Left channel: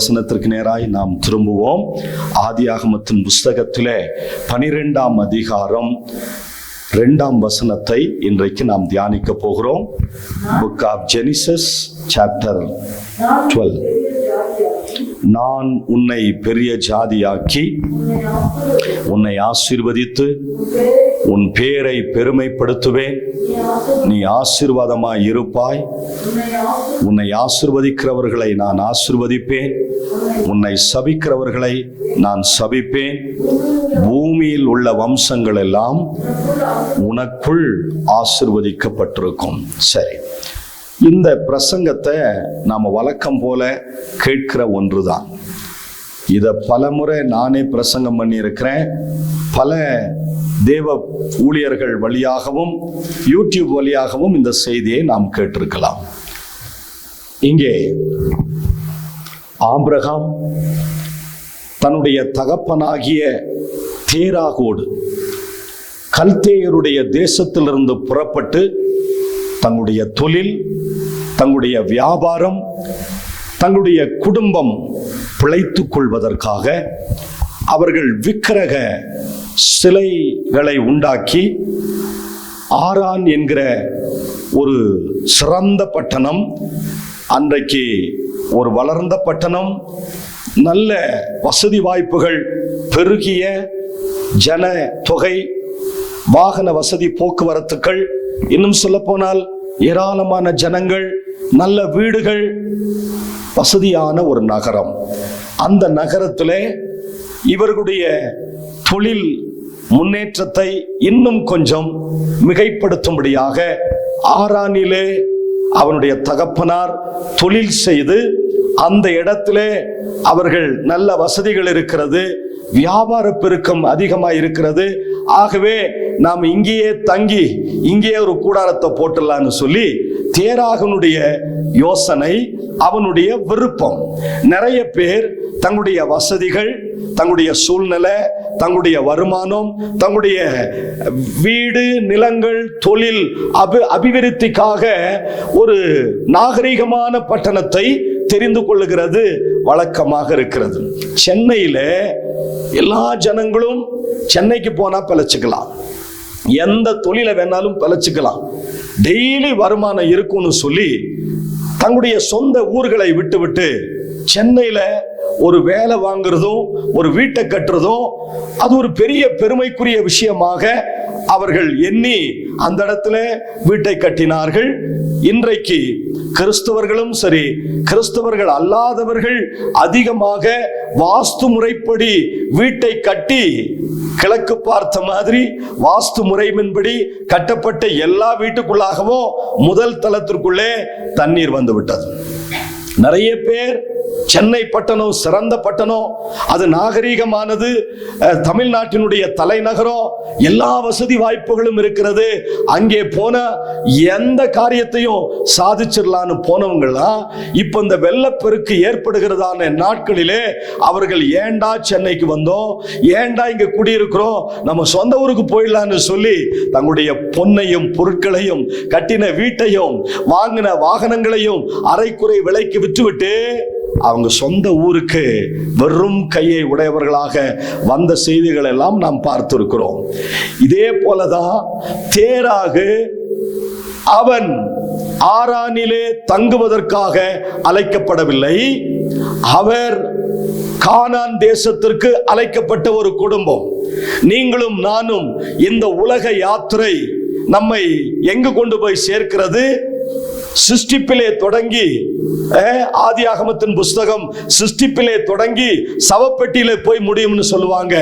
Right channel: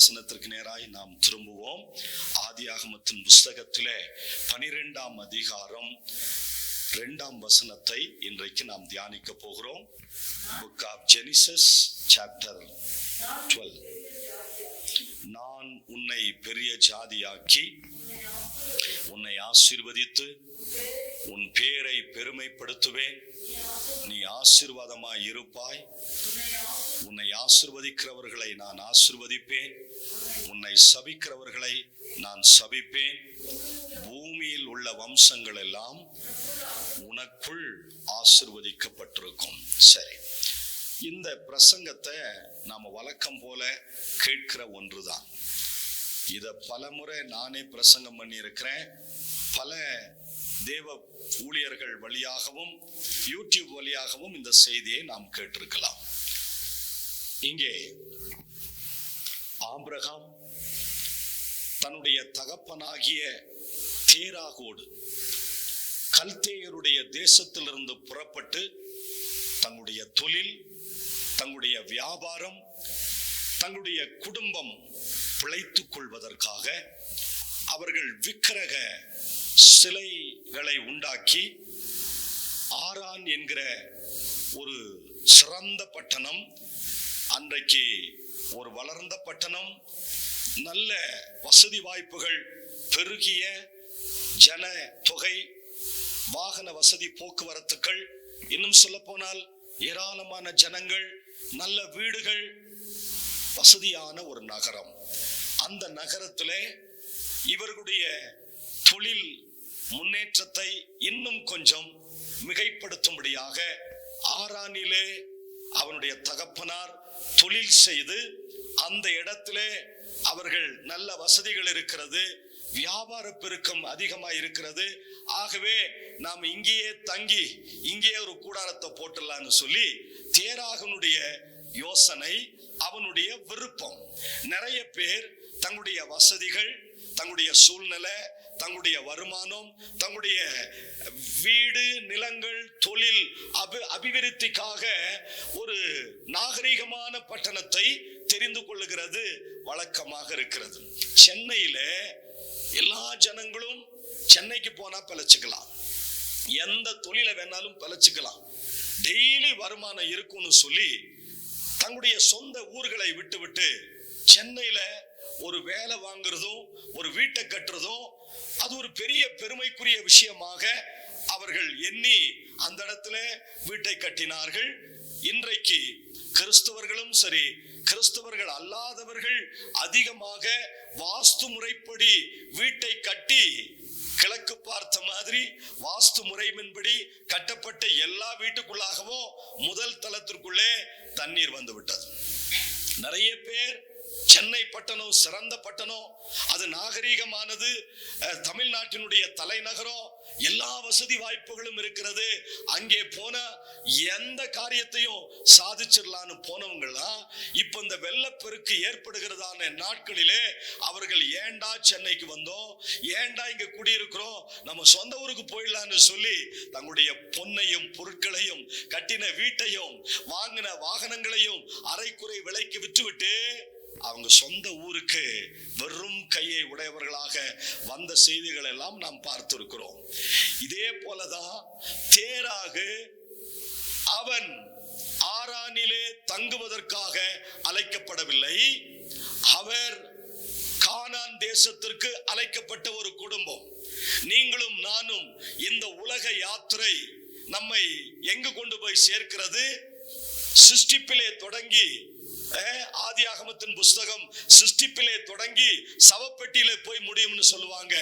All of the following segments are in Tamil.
வசனத்திற்கு நேராய் நாம் திரும்புவோம். ஆதியாகமத்தின் புஸ்தகத்திலே 12ஆம் அதிகாரம் 2ஆம் வசனத்தை இன்றைக்கு நாம் தியானிக்க போகிறோம். Book of Genesis chapter 12. நான் உன்னை பெரிய ஜாதியாக்கி உன்னை ஆசீர்வதித்து உன் பேரை பெருமைப்படுத்துவேன். நீ ஆசீர்வாதமாய் இருப்பாய். உன்னை ஆசீர்வதிக்கிறவர்களை நான் ஆசீர்வதிப்பேன், உன்னை சபிக்கிறவர்களை நான் சபிப்பேன். பூமியில் உள்ள வம்சங்கள் எல்லாம் உனக்குள் ஆசீர்வதிக்கப்பட்டிருக்கும். சரி, இந்த பிரசங்கத்தை நாம் வழக்கம் போல கேட்கிற ஒன்றுதான். இதை பலமுறை நானே பிரசங்கம் பண்ணியிருக்கிறேன். பல தேவ ஊழியர்கள் வழியாகவும் யூடியூப் வழியாகவும் இந்த செய்தியை நாம் கேட்டிருக்கலாம். இங்கே ஆபிரகாம் தன்னுடைய தகப்பனாகிய தேராகோடு கல்தேயருடைய தேசத்திலிருந்து புறப்பட்டு தங்களுடைய தொழில், தங்களுடைய வியாபாரம், தங்களுடைய குடும்பம் பிழைத்துக் கொள்வதற்காக அவர்கள் விக்கிரக சிலைகளை உண்டாக்கி ஆரான் என்கிற ஒரு சிறந்த பட்டணம், அன்றைக்கு ஒரு வளர்ந்த பட்டணம், நல்ல வசதி வாய்ப்புகள் பெருகிய ஜன தொகை, வாகன வசதி, போக்குவரத்துக்கள், இன்னும் சொல்ல போனால் ஏராளமான ஜனங்கள், நல்ல வீடுகள், வசதியான ஒரு நகரம். அந்த நகரத்திலே இவர்களுடைய தொழில் முன்னேற்றத்தை இன்னும் கொஞ்சம் மிகைப்படுத்தும்படியாக ஆரானிலே அவனுடைய தகப்பனார் தொழில் செய்து அந்த இடத்திலே அவர்கள் நல்ல வசதிகள் இருக்கிறது, வியாபார பெருக்கம் அதிகமாக இருக்கிறது. ஆகவே நாம் இங்கேயே தங்கி இங்கேயே ஒரு கூடாரத்தை போட்டுடலான்னு சொல்லி தேராகனுடைய யோசனை, அவனுடைய விருப்பம். நிறைய பேர் தங்களுடைய வசதிகள், தங்களுடைய சூழ்நிலை, தங்களுடைய வருமானம், தங்களுடைய வீடு, நிலங்கள், தொழில் அபிவிருத்திக்காக ஒரு நாகரிகமான பட்டணத்தை தெரிந்து கொள்ளுகிறது வழக்கமாக இருக்கிறது. சென்னையில எல்லா ஜனங்களும் சென்னைக்கு போனா பிழைச்சுக்கலாம், எந்த தொழிலை வேணாலும் பிழைச்சுக்கலாம், டெய்லி வருமானம் இருக்கும்னு சொல்லி தங்களுடைய சொந்த ஊர்களை விட்டு சென்னையில ஒரு வேலை வாங்குறதும் ஒரு வீட்டை கட்டுறதும் அது ஒரு பெரிய பெருமைக்குரிய விஷயமாக அவர்கள் எண்ணி அந்த இடத்துல வீட்டை கட்டினார்கள். இன்றைக்கு கிறிஸ்தவர்களும் சரி, கிறிஸ்தவர்கள் அல்லாதவர்கள் அதிகமாக வாஸ்து முறைப்படி வீட்டை கட்டி, கிழக்கு பார்த்த மாதிரி வாஸ்து முறையின்படி கட்டப்பட்ட எல்லா வீட்டுக்குள்ளாகவும் முதல் தளத்திற்குள்ளே தண்ணீர் வந்து விட்டது. நிறைய பேர் சென்னை பட்டணம் சிறந்த பட்டணம், அது நாகரீகமானது, தமிழ்நாட்டினுடைய தலைநகரம், எல்லா வசதி வாய்ப்புகளும் இருக்கிறது, அங்கே போன எந்த காரியத்தையும் சாதிச்சிடலான்னு போனவங்களாம் இப்ப இந்த வெள்ளப்பெருக்கு ஏற்படுகிறதான நாட்களிலே அவர்கள் ஏண்டா சென்னைக்கு வந்தோம், ஏண்டா இங்க குடியிருக்கிறோம், நம்ம சொந்த ஊருக்கு போயிடலான்னு சொல்லி தங்களுடைய பொன்னையும் பொருட்களையும் கட்டின வீட்டையும் வாங்கின வாகனங்களையும் அரைக்குறை விலைக்கு விற்றுவிட்டு அவங்க சொந்த ஊருக்கு வெறும் கையை உடையவர்களாக வந்த செய்திகள் எல்லாம் நாம் பார்த்திருக்கிறோம். இதே போலதான் தேராகு அவன் ஆரானிலே தங்குவதற்காக அழைக்கப்படவில்லை, அவர் கானான் தேசத்திற்கு அழைக்கப்பட்ட ஒரு குடும்பம். நீங்களும் நானும் இந்த உலக யாத்திரை நம்மை எங்கு கொண்டு போய் சேர்க்கிறது? சிருஷ்டிப்பிலே தொடங்கி, ஆதியாகமத்தின் புஸ்தகம் சிருஷ்டிப்பிலே தொடங்கி சவப்பெட்டியிலே போய் முடியும்னு சொல்லுவாங்க.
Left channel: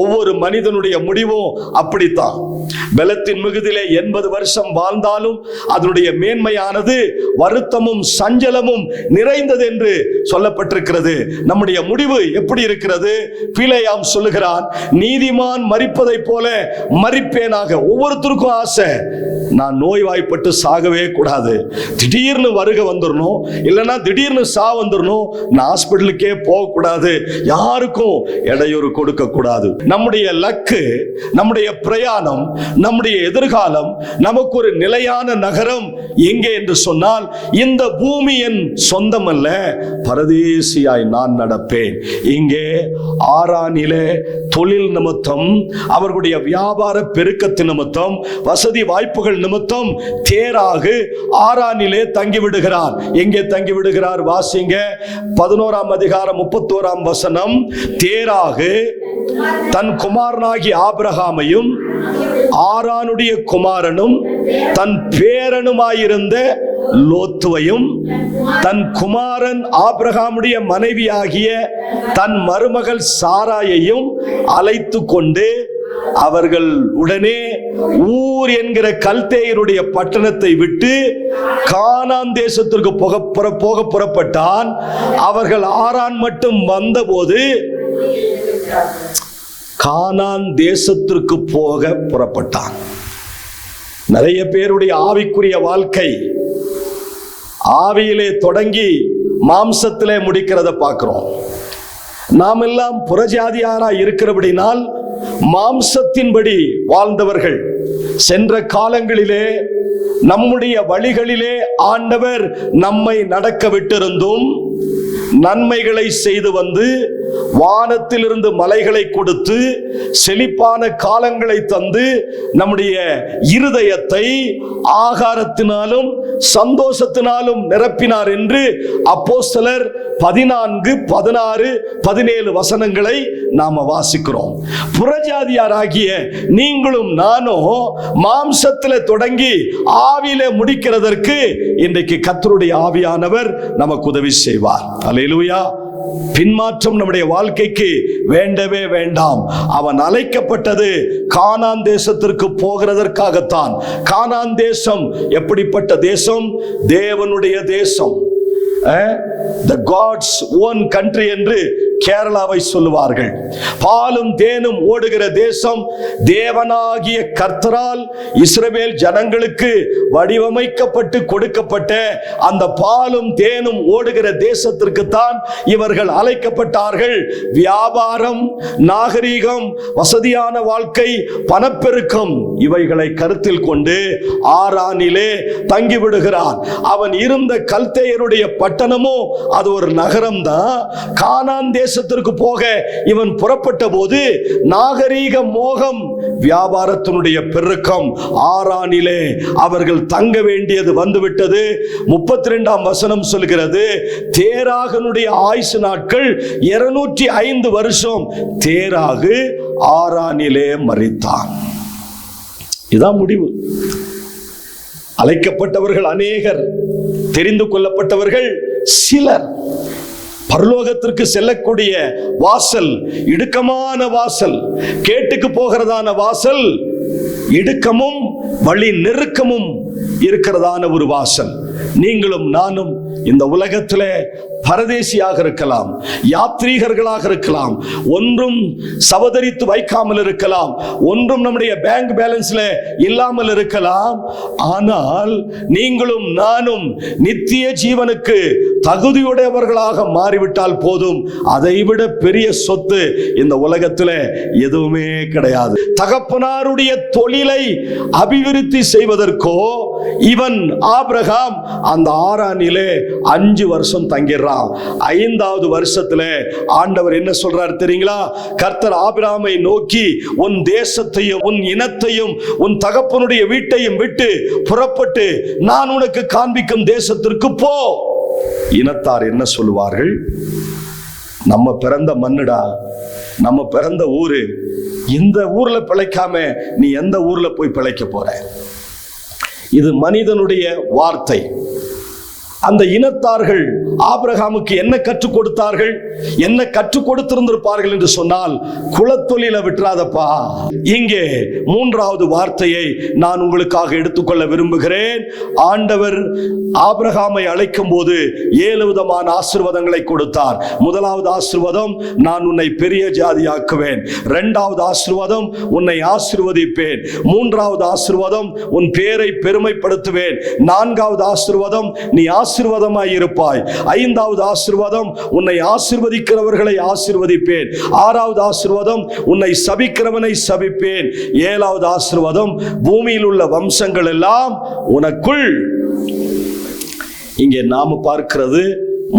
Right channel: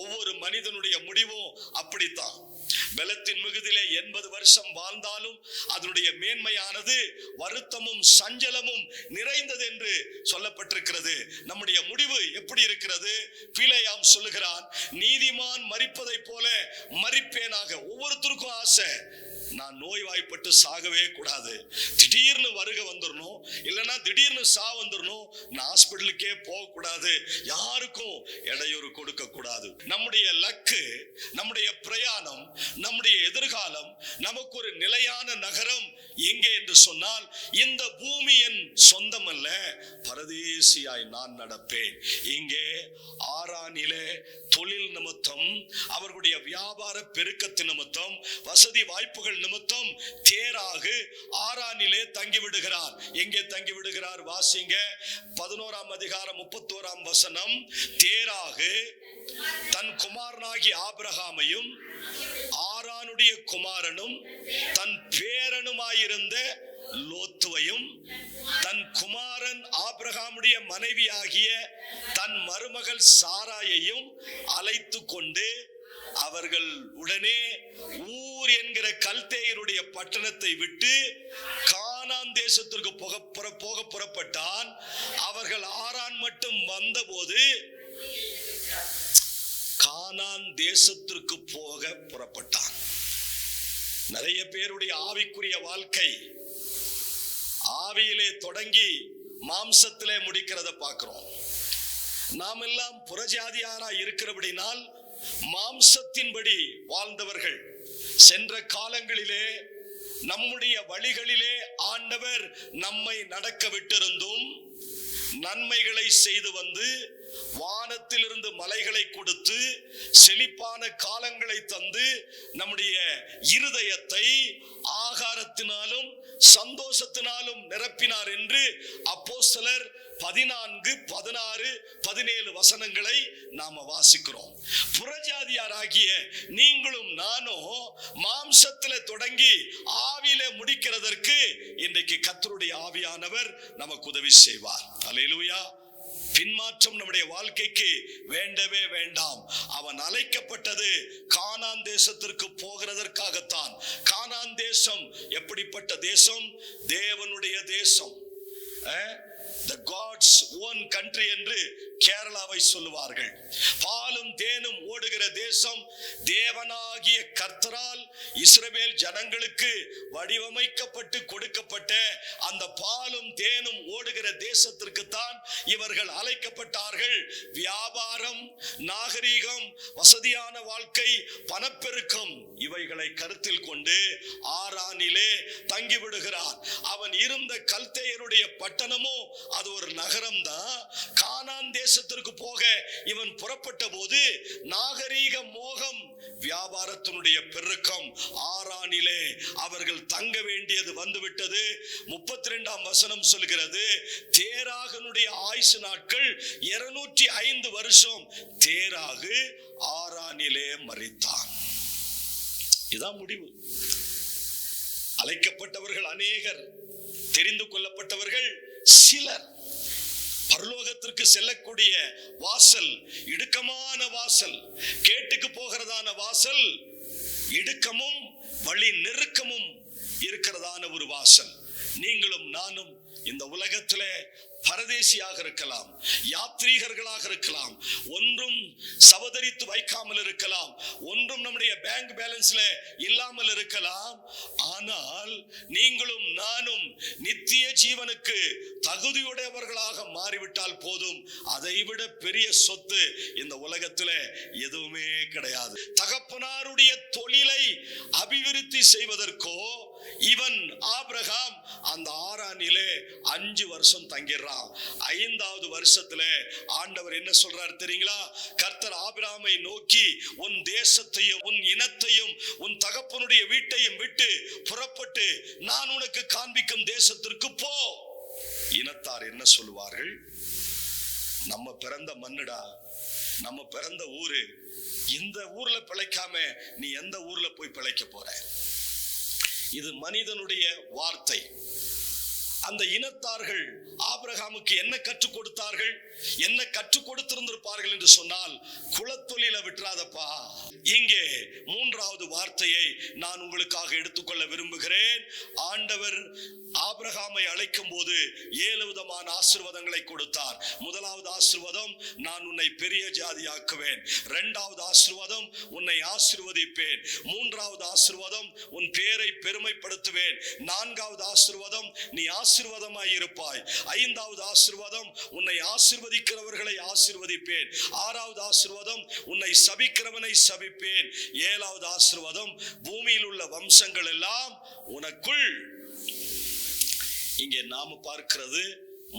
ஒவ்வொரு மனிதனுடைய முடிவும் அப்படித்தான். பலத்தின் மிகுதிலே 80 வருஷம் வாழ்ந்தாலும் அதனுடைய மேன்மையானது வருத்தமும் சஞ்சலமும் நிறைந்தது என்று சொல்லப்பட்டிருக்கிறது. நம்முடைய முடிவு எப்படி இருக்கிறது? பிலேயாம் சொல்லுகிறான், நீதிமான் மரிப்பதை போல மரிப்பேனாக. ஒவ்வொருத்தருக்கும் ஆசை, நான் நோய்வாய்ப்பட்டு சாகவே கூடாது, திடீர்னு வருகை வந்துடணும், இல்லைன்னா திடீர்னு வந்துடணும், நான் ஹாஸ்பிட்டலுக்கே போகக்கூடாது, யாருக்கும் இடையூறு கொடுக்க கூடாது. நம்முடைய லக்கு, நம்முடைய பிரயாணம், நம்முடைய எதிர்காலம், நமக்கு ஒரு நிலையான நகரம் எங்கே என்று சொன்னால், இந்த பூமி என் சொந்தம் அல்ல, பரதேசியாய் நான் நடப்பேன். இங்கே ஆரானிலே தொழில் நிமித்தம், அவர்களுடைய வியாபார பெருக்கத்தின் நிமித்தம், வசதி வாய்ப்புகள் நிமித்தம் தேராகு ஆரானிலே தங்கிவிடுகிறார். எங்கே தங்கிவிடுகிறார்? வாசிங்க 11ஆம் அதிகாரம் 31ஆம் வசனம். தேராகு தன் குமாரனாகி ஆபிரகாமையும் ஆரானுடைய குமாரனும் தன் பேரனுமாயிருந்த லோத்துவையும் தன் குமாரன் ஆபிரகாமுடைய மனைவியாகிய தன் மருமகள் சாராயையும் அழைத்து கொண்டு அவர்கள் உடனே ஊர் என்கிற கல்தேயருடைய பட்டணத்தை விட்டு கானான் தேசத்திற்கு போக புறப்பட்டான். அவர்கள் ஆரான் மட்டும் வந்தபோது கானான் தேசத்திற்கு போக புறப்பட்டான். நிறைய பேருடைய ஆவிக்குரிய வாழ்க்கை ஆவியிலே தொடங்கி மாம்சத்திலே முடிக்கிறத பார்க்கிறோம். நாம் எல்லாம் புறஜாதியாரா இருக்கிறபடினால் மாம்சத்தின்படி வாழ்ந்தவர்கள். சென்ற காலங்களிலே நம்முடைய வழிகளிலே ஆண்டவர் நம்மை நடக்க விட்டிருந்தும் நன்மைகளை செய்து வந்து வானத்திலிருந்து மலைகளை கொடுத்து செழிப்பான காலங்களை தந்து நம்முடைய இருதயத்தை ஆகாரத்தினாலும் சந்தோஷத்தினாலும் நிரப்பினார் என்று அப்போஸ்தலர் 14, 16, 17 வசனங்களை நாம வாசிக்கிறோம். புறஜாதியாராகிய நீங்களும் நானும் மாம்சத்திலே தொடங்கி ஆவியிலே முடிக்கிறதற்கு இன்றைக்கு கர்த்தருடைய ஆவியானவர் நமக்கு உதவி செய்வார். அல்லேலூயா. பின்மாற்றம் நம்முடைய வாழ்க்கைக்கு வேண்டவே வேண்டாம். அவன் அழைக்கப்பட்டது கானான் தேசத்திற்கு போகிறதற்காகத்தான். கானான் தேசம் எப்படிப்பட்ட தேசம்? தேவனுடைய தேசம். The God's own country என்று கேரளாவை சொல்லுவார்கள். பாலும் தேனும் ஓடுகிற தேசம், தேவனாகிய கர்த்தரால் இஸ்ரவேல் ஜனங்களுக்கு வடிவமைக்கப்பட்டு கொடுக்கப்பட்ட அந்த பாலும் தேனும் ஓடுகிற தேசத்திற்கு தான் இவர்கள் அழைக்கப்பட்டார்கள். வியாபாரம், நாகரீகம், வசதியான வாழ்க்கை, பணப்பெருக்கம் இவைகளை கருத்தில் கொண்டு ஆரானிலே தங்கிவிடுகிறான். அவன் இருந்த கல்தேயருடைய பட்டணமோ அது ஒரு நகரம் தான். கானான் தேசத்திற்கு போக இவன் புறப்பட்ட போது நாகரீக மோகம், வியாபாரத்தினுடைய பெருக்கம், ஆரானிலே அவர்கள் தங்க வேண்டியது வந்துவிட்டது. 32ஆம் வசனம் சொல்கிறது, தேராகனுடைய ஆயுசு நாட்கள் 205 வருஷம். தேராகு ஆரானிலே மரித்தான். இதான் முடிவு. அழைக்கப்பட்டவர்கள் அநேகர், தெரிந்து கொள்ளப்பட்டவர்கள் சிலர். பரலோகத்திற்கு செல்லக்கூடிய வாசல் இடுக்கமான வாசல், கேட்டுக்கு போகிறதான வாசல் இடுக்கமும் வழி நெருக்கமும் இருக்கிறதான ஒரு வாசல். நீங்களும் நானும் இந்த உலகத்திலே பரதேசியாக இருக்கலாம், யாத்ரீகர்களாக இருக்கலாம், ஒன்றும் சவதரித்து வைக்காமல் இருக்கலாம், ஒன்றும் நம்முடைய பேங்க் பேலன்ஸ்ல இல்லாமல் இருக்கலாம். ஆனால் நீங்களும் நானும் நித்திய ஜீவனுக்கு தகுதியுடையவர்களாக மாறிவிட்டால் போதும். அதைவிட பெரிய சொத்து இந்த உலகத்தில் எதுவுமே கிடையாது. தகப்பனாருடைய தொழிலை அபிவிருத்தி செய்வதற்கோ இவன் ஆபிரகாம் அந்த ஆரானிலே 5 வருஷம் தங்கிடுறான். 5வது வருஷத்துல ஆண்டவர் என்ன சொல்றார் தெரியுங்களா? கர்த்தர் ஆபிரகாமை நோக்கி, உன் தேசத்தையும் உன் இனத்தையும் உன் தகப்பனுடைய வீட்டையும் விட்டு புறப்பட்டு நான் உனக்கு காண்பிக்கும் தேசத்திற்கு போ. இனத்தார் என்ன சொல்லுவார்கள்? நம்ம பிறந்த மண்ணுடா, நம்ம பிறந்த ஊரு, இந்த ஊர்ல பிழைக்காம நீ எந்த ஊர்ல போய் பிழைக்க போற? இது மனிதனுடைய வார்த்தை. அந்த இனத்தார்கள் ஆபிரகாமுக்கு என்ன கற்றுக் கொடுத்தார்கள், என்ன கற்றுக் கொடுத்திருந்திருப்பார்கள் என்று சொன்னால், குலத்தொழில விட்டுறாதப்பா. இங்கே மூன்றாவது வார்த்தையை நான் உங்களுக்காக எடுத்துக்கொள்ள விரும்புகிறேன். ஆண்டவர் ஆபிரகாமை அழைக்கும் போது 7 விதமான ஆசீர்வாதங்களை கொடுத்தார். முதலாவது ஆசீர்வாதம், நான் உன்னை பெரிய ஜாதியாக்குவேன். இரண்டாவது ஆசீர்வாதம், உன்னை ஆசீர்வதிப்பேன். மூன்றாவது ஆசீர்வாதம், உன் பேரை பெருமைப்படுத்துவேன். நான்காவது ஆசீர்வாதம், நீ ஆசீர்வாதமாய் இருப்பாய். ஐந்தாவது ஆசீர்வாதம், உன்னை ஆசீர்வதிக்கிறவர்களை ஆசீர்வதிப்பேன். ஆறாவது ஆசீர்வாதம், உன்னை சபிக்கிறவனை சபிப்பேன். ஏழாவது ஆசீர்வாதம், பூமியில் உள்ள வம்சங்கள் எல்லாம் உனக்குள். இங்கே நாம பார்க்கிறது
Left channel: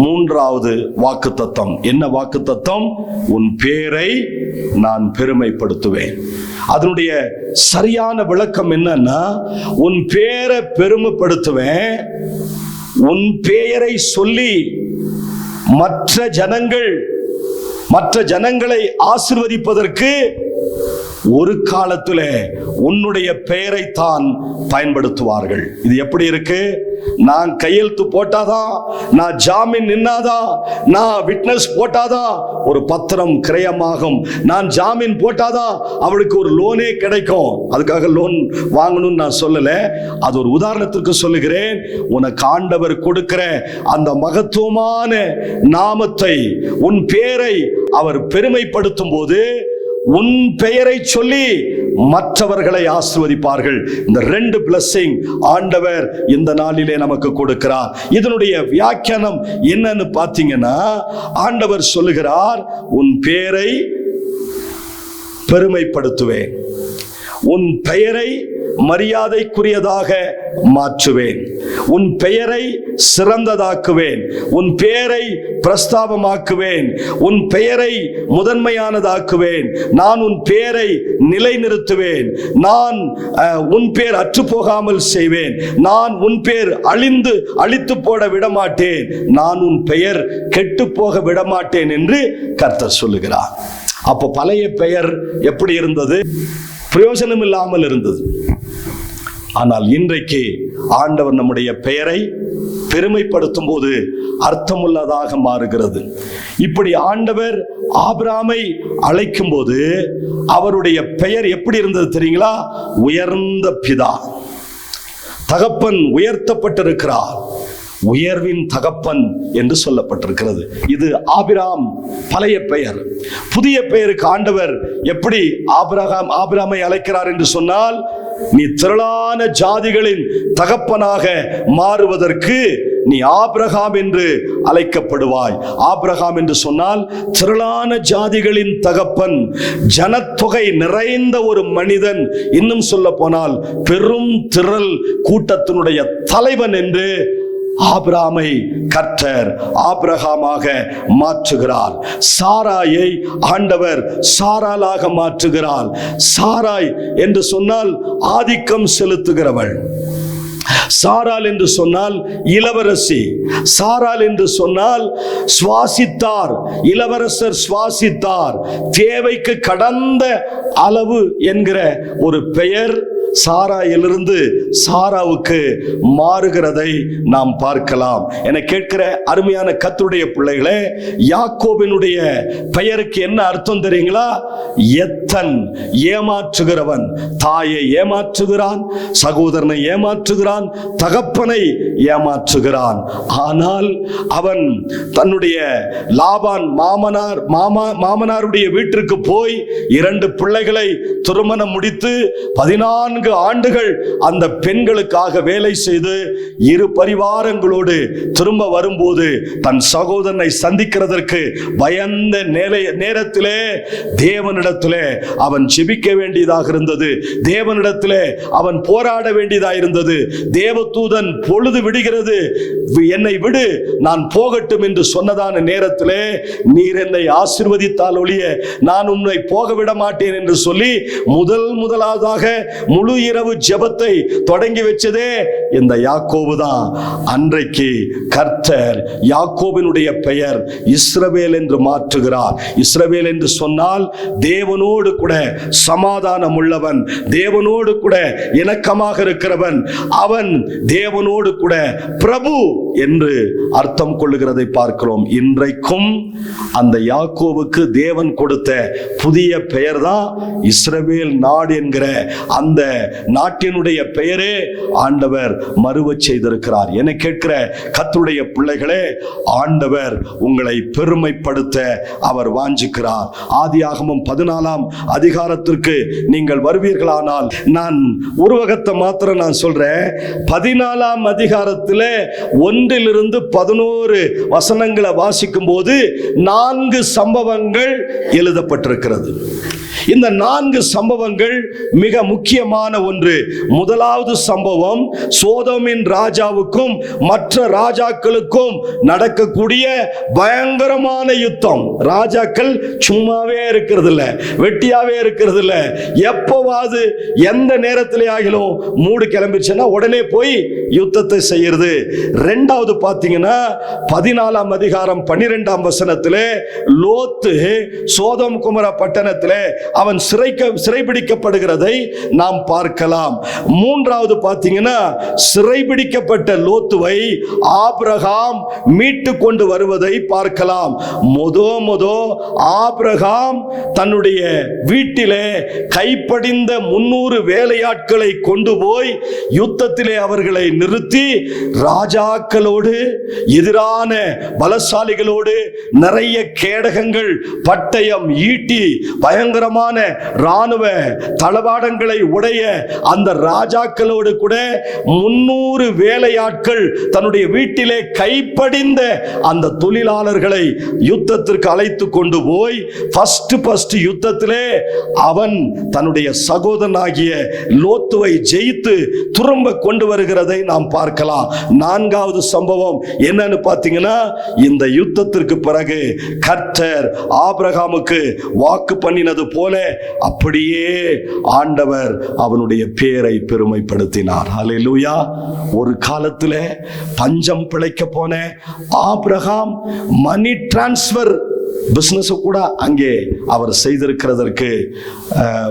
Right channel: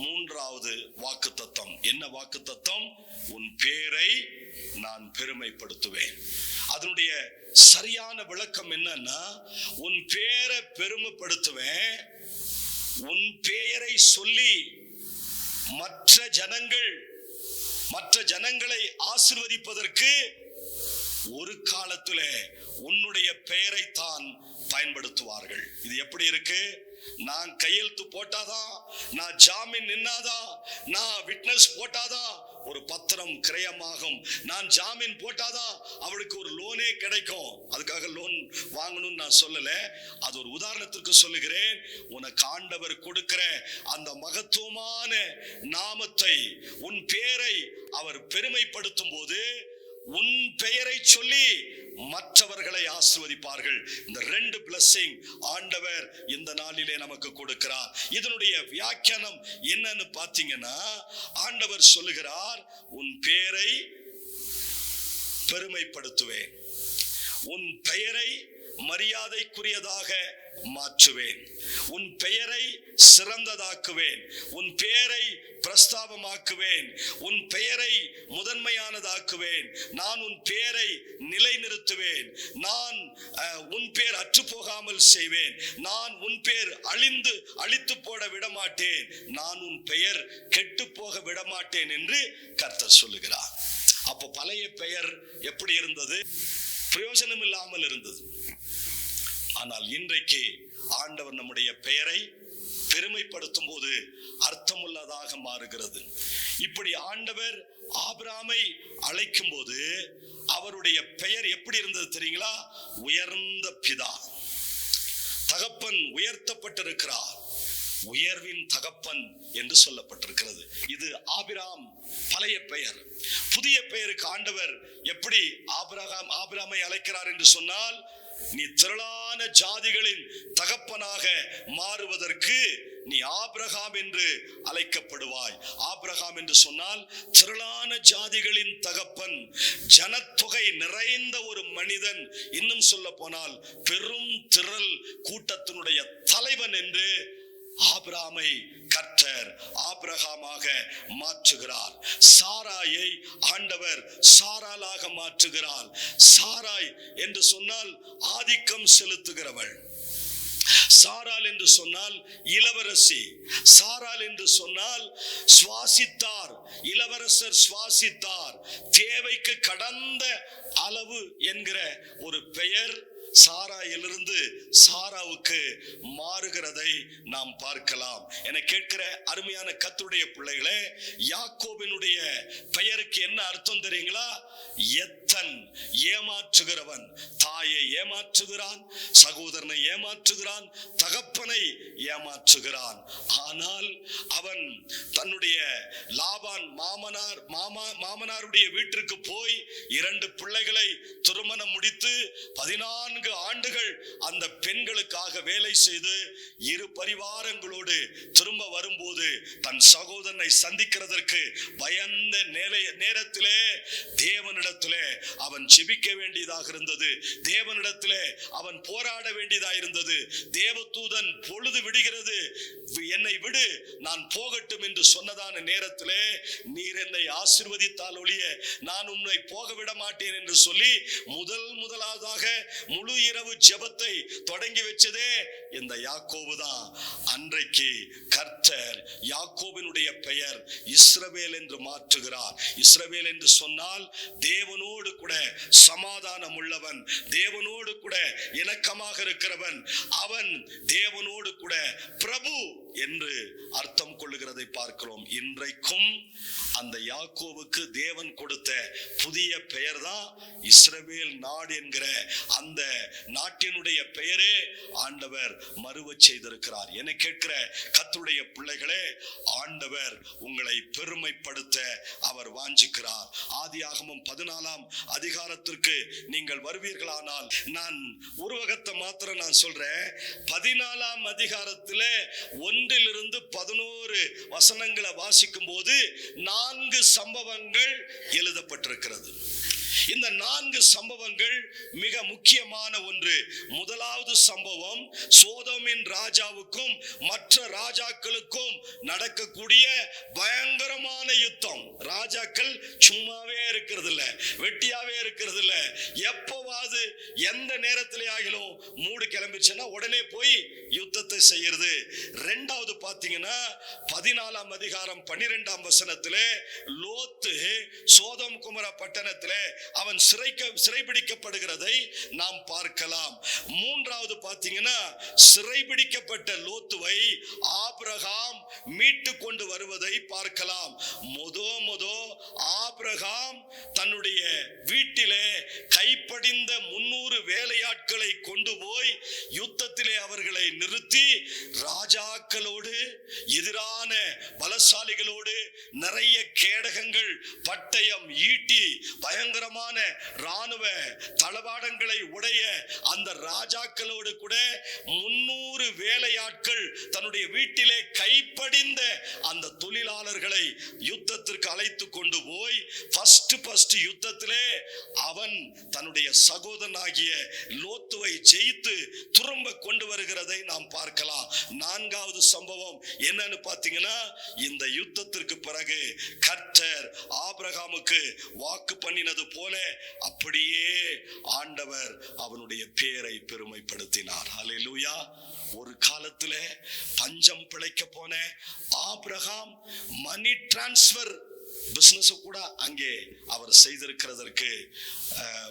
மூன்றாவது வாக்குத்தத்தம். என்ன வாக்குத்தத்தம்? உன் பேரை நான் பெருமைப்படுத்துவேன். அதனுடைய சரியான விளக்கம் என்னன்னா, உன் பேரை பெருமைப்படுத்துவேன். உன் பெயரை சொல்லி மற்ற ஜனங்களை ஆசீர்வதிப்பதற்கு ஒரு காலத்துல உன்னுடைய பெயரை தான் பயன்படுத்துவார்கள். இது எப்படி இருக்கு? நான் கையெழுத்து போட்டாதான், நான் ஜாமீன் நின்னாதான், நான் விட்னஸ் போட்டாதான் ஒரு பத்திரம் கிரயமாகும். நான் ஜாமீன் போட்டாதான் அவளுக்கு ஒரு லோனே கிடைக்கும். அதுக்காக லோன் வாங்கணும்னு நான் சொல்லல, அது ஒரு உதாரணத்திற்கு சொல்லுகிறேன். உனக்கு ஆண்டவர் கொடுக்கிற அந்த மகத்துவமான நாமத்தை, உன் பேரை அவர் பெருமைப்படுத்தும் போது உன் பெயரை சொல்லி மற்றவர்களை ஆசீர்வதிப்பார்கள். இந்த 2 blessing ஆண்டவர் இந்த நாளிலே நமக்கு கொடுக்கிறார். இதனுடைய வியாக்கியானம் என்னன்னு பார்த்தீங்கன்னா, ஆண்டவர் சொல்லுகிறார், உன் பெயரை பெருமைப்படுத்துவேன், உன் பெயரை மரியாதைக்குரியதாக மாற்றுவேன், உன் பெயரை சிறந்ததாக்குவேன், உன் பெயரை பிரஸ்தாபமாக்குவேன், உன் பெயரை முதன்மையானதாக்குவேன், நான் உன் பெயரை நிலைநிறுத்துவேன், நான் உன் பெயர் அற்று போகாமல் செய்வேன், நான் உன் பெயர் அழித்து போட விடமாட்டேன், நான் உன் பெயர் கெட்டு போக விடமாட்டேன் என்று கர்த்தர் சொல்லுகிறார். அப்போ பழைய பெயர் எப்படி இருந்தது? பிரயோஜனம் இல்லாமல் இருந்தது. ஆனால் இன்றைக்கு ஆண்டவர் நம்முடைய பெயரை பெருமைப்படுத்தும் போது அர்த்தமுள்ளதாக மாறுகிறது. இப்படி ஆண்டவர் ஆபிரகாமை அழைக்கும் போது அவருடைய பெயர் எப்படி இருந்தது தெரியுங்களா? உயர்ந்த பிதா. தகப்பன் உயர்த்தப்பட்டிருக்கிறார், உயர்வின் தகப்பன் என்று சொல்லப்பட்டிருக்கிறது. இது ஆபிராம் பழைய பெயர். புதிய பெயருக்கு ஆண்டவர் எப்படி ஆபிராமை அழைக்கிறார் என்று சொன்னால், நீ திரளான ஜாதிகளின் தகப்பனாக மாறுவதற்கு நீ ஆபிரகாம் என்று அழைக்கப்படுவாய். ஆபிரகாம் என்று சொன்னால் திரளான ஜாதிகளின் தகப்பன், ஜனத்தொகை நிறைந்த ஒரு மனிதன், இன்னும் சொல்ல போனால் பெரும் திரள் கூட்டத்தினுடைய தலைவன் என்று ஆபிரகாமை கர்த்தர் ஆபிரகாமாக மாற்றுகிறார். சாராயை ஆண்டவர் சாராளாக மாற்றுகிறார். சாராய் என்று சொன்னால் ஆதிக்கம் செலுத்துகிறவள், சாராள் என்று சொன்னால் இளவரசி, சாராள் என்று சொன்னால் சுவாசித்தார், இளவரசர் சுவாசித்தார், தேவைக்கு கடந்த அளவு என்கிற ஒரு பெயர் சாராயிலிருந்து சாராவுக்கு மாறுகிறதை நாம் பார்க்கலாம். என கேட்கிற அருமையான கர்த்தருடைய பிள்ளைகளே, யாக்கோபினுடைய பெயருக்கு என்ன அர்த்தம் தெரியுங்களா? எத்தன், ஏமாற்றுகிறவன். தாயை ஏமாற்றுகிறான், சகோதரனை ஏமாற்றுகிறான், தகப்பனை ஏமாற்றுகிறான். ஆனால் அவன் தன்னுடைய லாபான் மாமனாருடைய வீட்டிற்கு போய் 2 பிள்ளைகளை திருமணம் முடித்து 14 ஆண்டுகள் அந்த பெண்களுக்காக வேலை செய்து 2 பரிவாரங்களோடு திரும்ப வரும்போது தன் சகோதரனை சந்திக்கிறதற்கு பயந்த நேரத்திலே தேவனிடத்திலே அவன் ஜெபிக்க வேண்டியதாக இருந்தது. தேவனிடத்திலே அவன் போராட வேண்டியதாக இருந்தது. தேவதூதன் பொழுது விடுகிறது, என்னை விடு, நான் போகட்டும் என்று சொன்னதான நேரத்திலே, நீர் என்னை ஆசீர்வதித்தால் ஒழிய நான் உன்னை போக விட மாட்டேன் என்று சொல்லி முதலாவதாக முழு முழு இரவு ஜெபத்தை தொடங்கி வச்சதே இந்த யாக்கோபு தான். அன்றைக்கு கர்த்தர் யாக்கோபினுடைய பெயர் இஸ்ரவேல் என்று மாற்றுகிறார். இஸ்ரவேல் என்று சொன்னால் தேவனோடு கூட சமாதானம் உள்ளவன், தேவனோடு கூட இணக்கமாக இருக்கிறவன், அவன் தேவனோடு கூட பிரபு என்று அர்த்தம் கொள்ளுகிறதை பார்க்கிறோம். இன்றைக்கும் அந்த யாக்கோவுக்கு தேவன் கொடுத்த புதிய பெயர் தான் இஸ்ரவேல் நாடு என்கிற அந்த நாட்டினுடைய பெயரே ஆண்டவர் மறுவச் செய்திருக்கிறார். என கேட்கிற கர்த்தருடைய பிள்ளைகளே, ஆண்டவர் உங்களை பெருமைப்படுத்த அவர் வாஞ்சிக்கிறார். ஆதியாகமம் 14ஆம் அதிகாரத்திற்கு நீங்கள் வருவீர்களானால், நான் உருவகத்தை மாத்திரம் நான் சொல்றேன். 14ஆம் அதிகாரத்தில் 1 to 11 வசனங்களை வாசிக்கும் போது 4 சம்பவங்கள் எழுதப்பட்டிருக்கிறது. இந்த 4 சம்பவங்கள் மிக முக்கியமான ஒன்று. முதலாவது சம்பவம் சோதோமின் ராஜாவுக்கும் மற்ற ராஜாக்களுக்கும் நடக்கக்கூடிய பயங்கரமான யுத்தம். ராஜாக்கள் சும்மாவே இருக்கிறது இல்ல, வெட்டியாவே இருக்கிறது இல்ல. எப்பவாது எந்த நேரத்திலே ஆகிலும் மூடு கிளம்பிச்சுன்னா உடனே போய் யுத்தத்தை செய்யறது. ரெண்டாவது பாத்தீங்கன்னா 14ஆம் அதிகாரம் 12ஆம் வசனத்திலே லோத்து சோதோம் குமரா பட்டணத்திலே அவன் சிறைபிடிக்கப்படுகிறதை நாம் பார்க்கலாம். மூன்றாவது பார்த்தீங்கன்னா சிறைபிடிக்கப்பட்ட லோத்துவை ஆபிரகாம் மீட்டு கொண்டு வருவதை பார்க்கலாம். ஆபிரகாம் தன்னுடைய வீட்டிலே கைப்படிந்த 300 வேலையாட்களை கொண்டு போய் யுத்தத்திலே அவர்களை நிறுத்தி ராஜாக்களோடு எதிரான பலசாலிகளோடு நிறைய கேடகங்கள், பட்டயம், ஈட்டி, பயங்கரமான ராணுவ தளவாடங்களை உடைய அந்த ராஜாக்களோடு கூட 300 வேலையாட்கள் தன்னுடைய வீட்டிலே கைப்படிந்த அந்த தொழிலாளர்களை யுத்தத்திற்கு அழைத்து கொண்டு போய் ஃபர்ஸ்ட் யுத்தத்திலே அவன் தன்னுடைய சகோதரனாகிய லோத்துவை ஜெயித்து திரும்ப கொண்டு வருகிறதை நாம் பார்க்கலாம். 4வது சம்பவம் என்னன்னு பார்த்தீங்கன்னா, இந்த யுத்தத்திற்கு பிறகு கர்த்தர் ஆபிரகாமுக்கு வாக்கு பண்ணினது போல அப்படியே ஆண்டவர் அவனுடைய பேரை பெருமைப்படுத்தினார். ஹல்லேலூயா. ஒரு காலத்தில் பஞ்சம் பிழைக்க போன ஆபிரகாம் மணி டிரான்ஸ்பர் பிசினஸ் கூட அங்கே அவர் செய்திருக்கிறதற்கு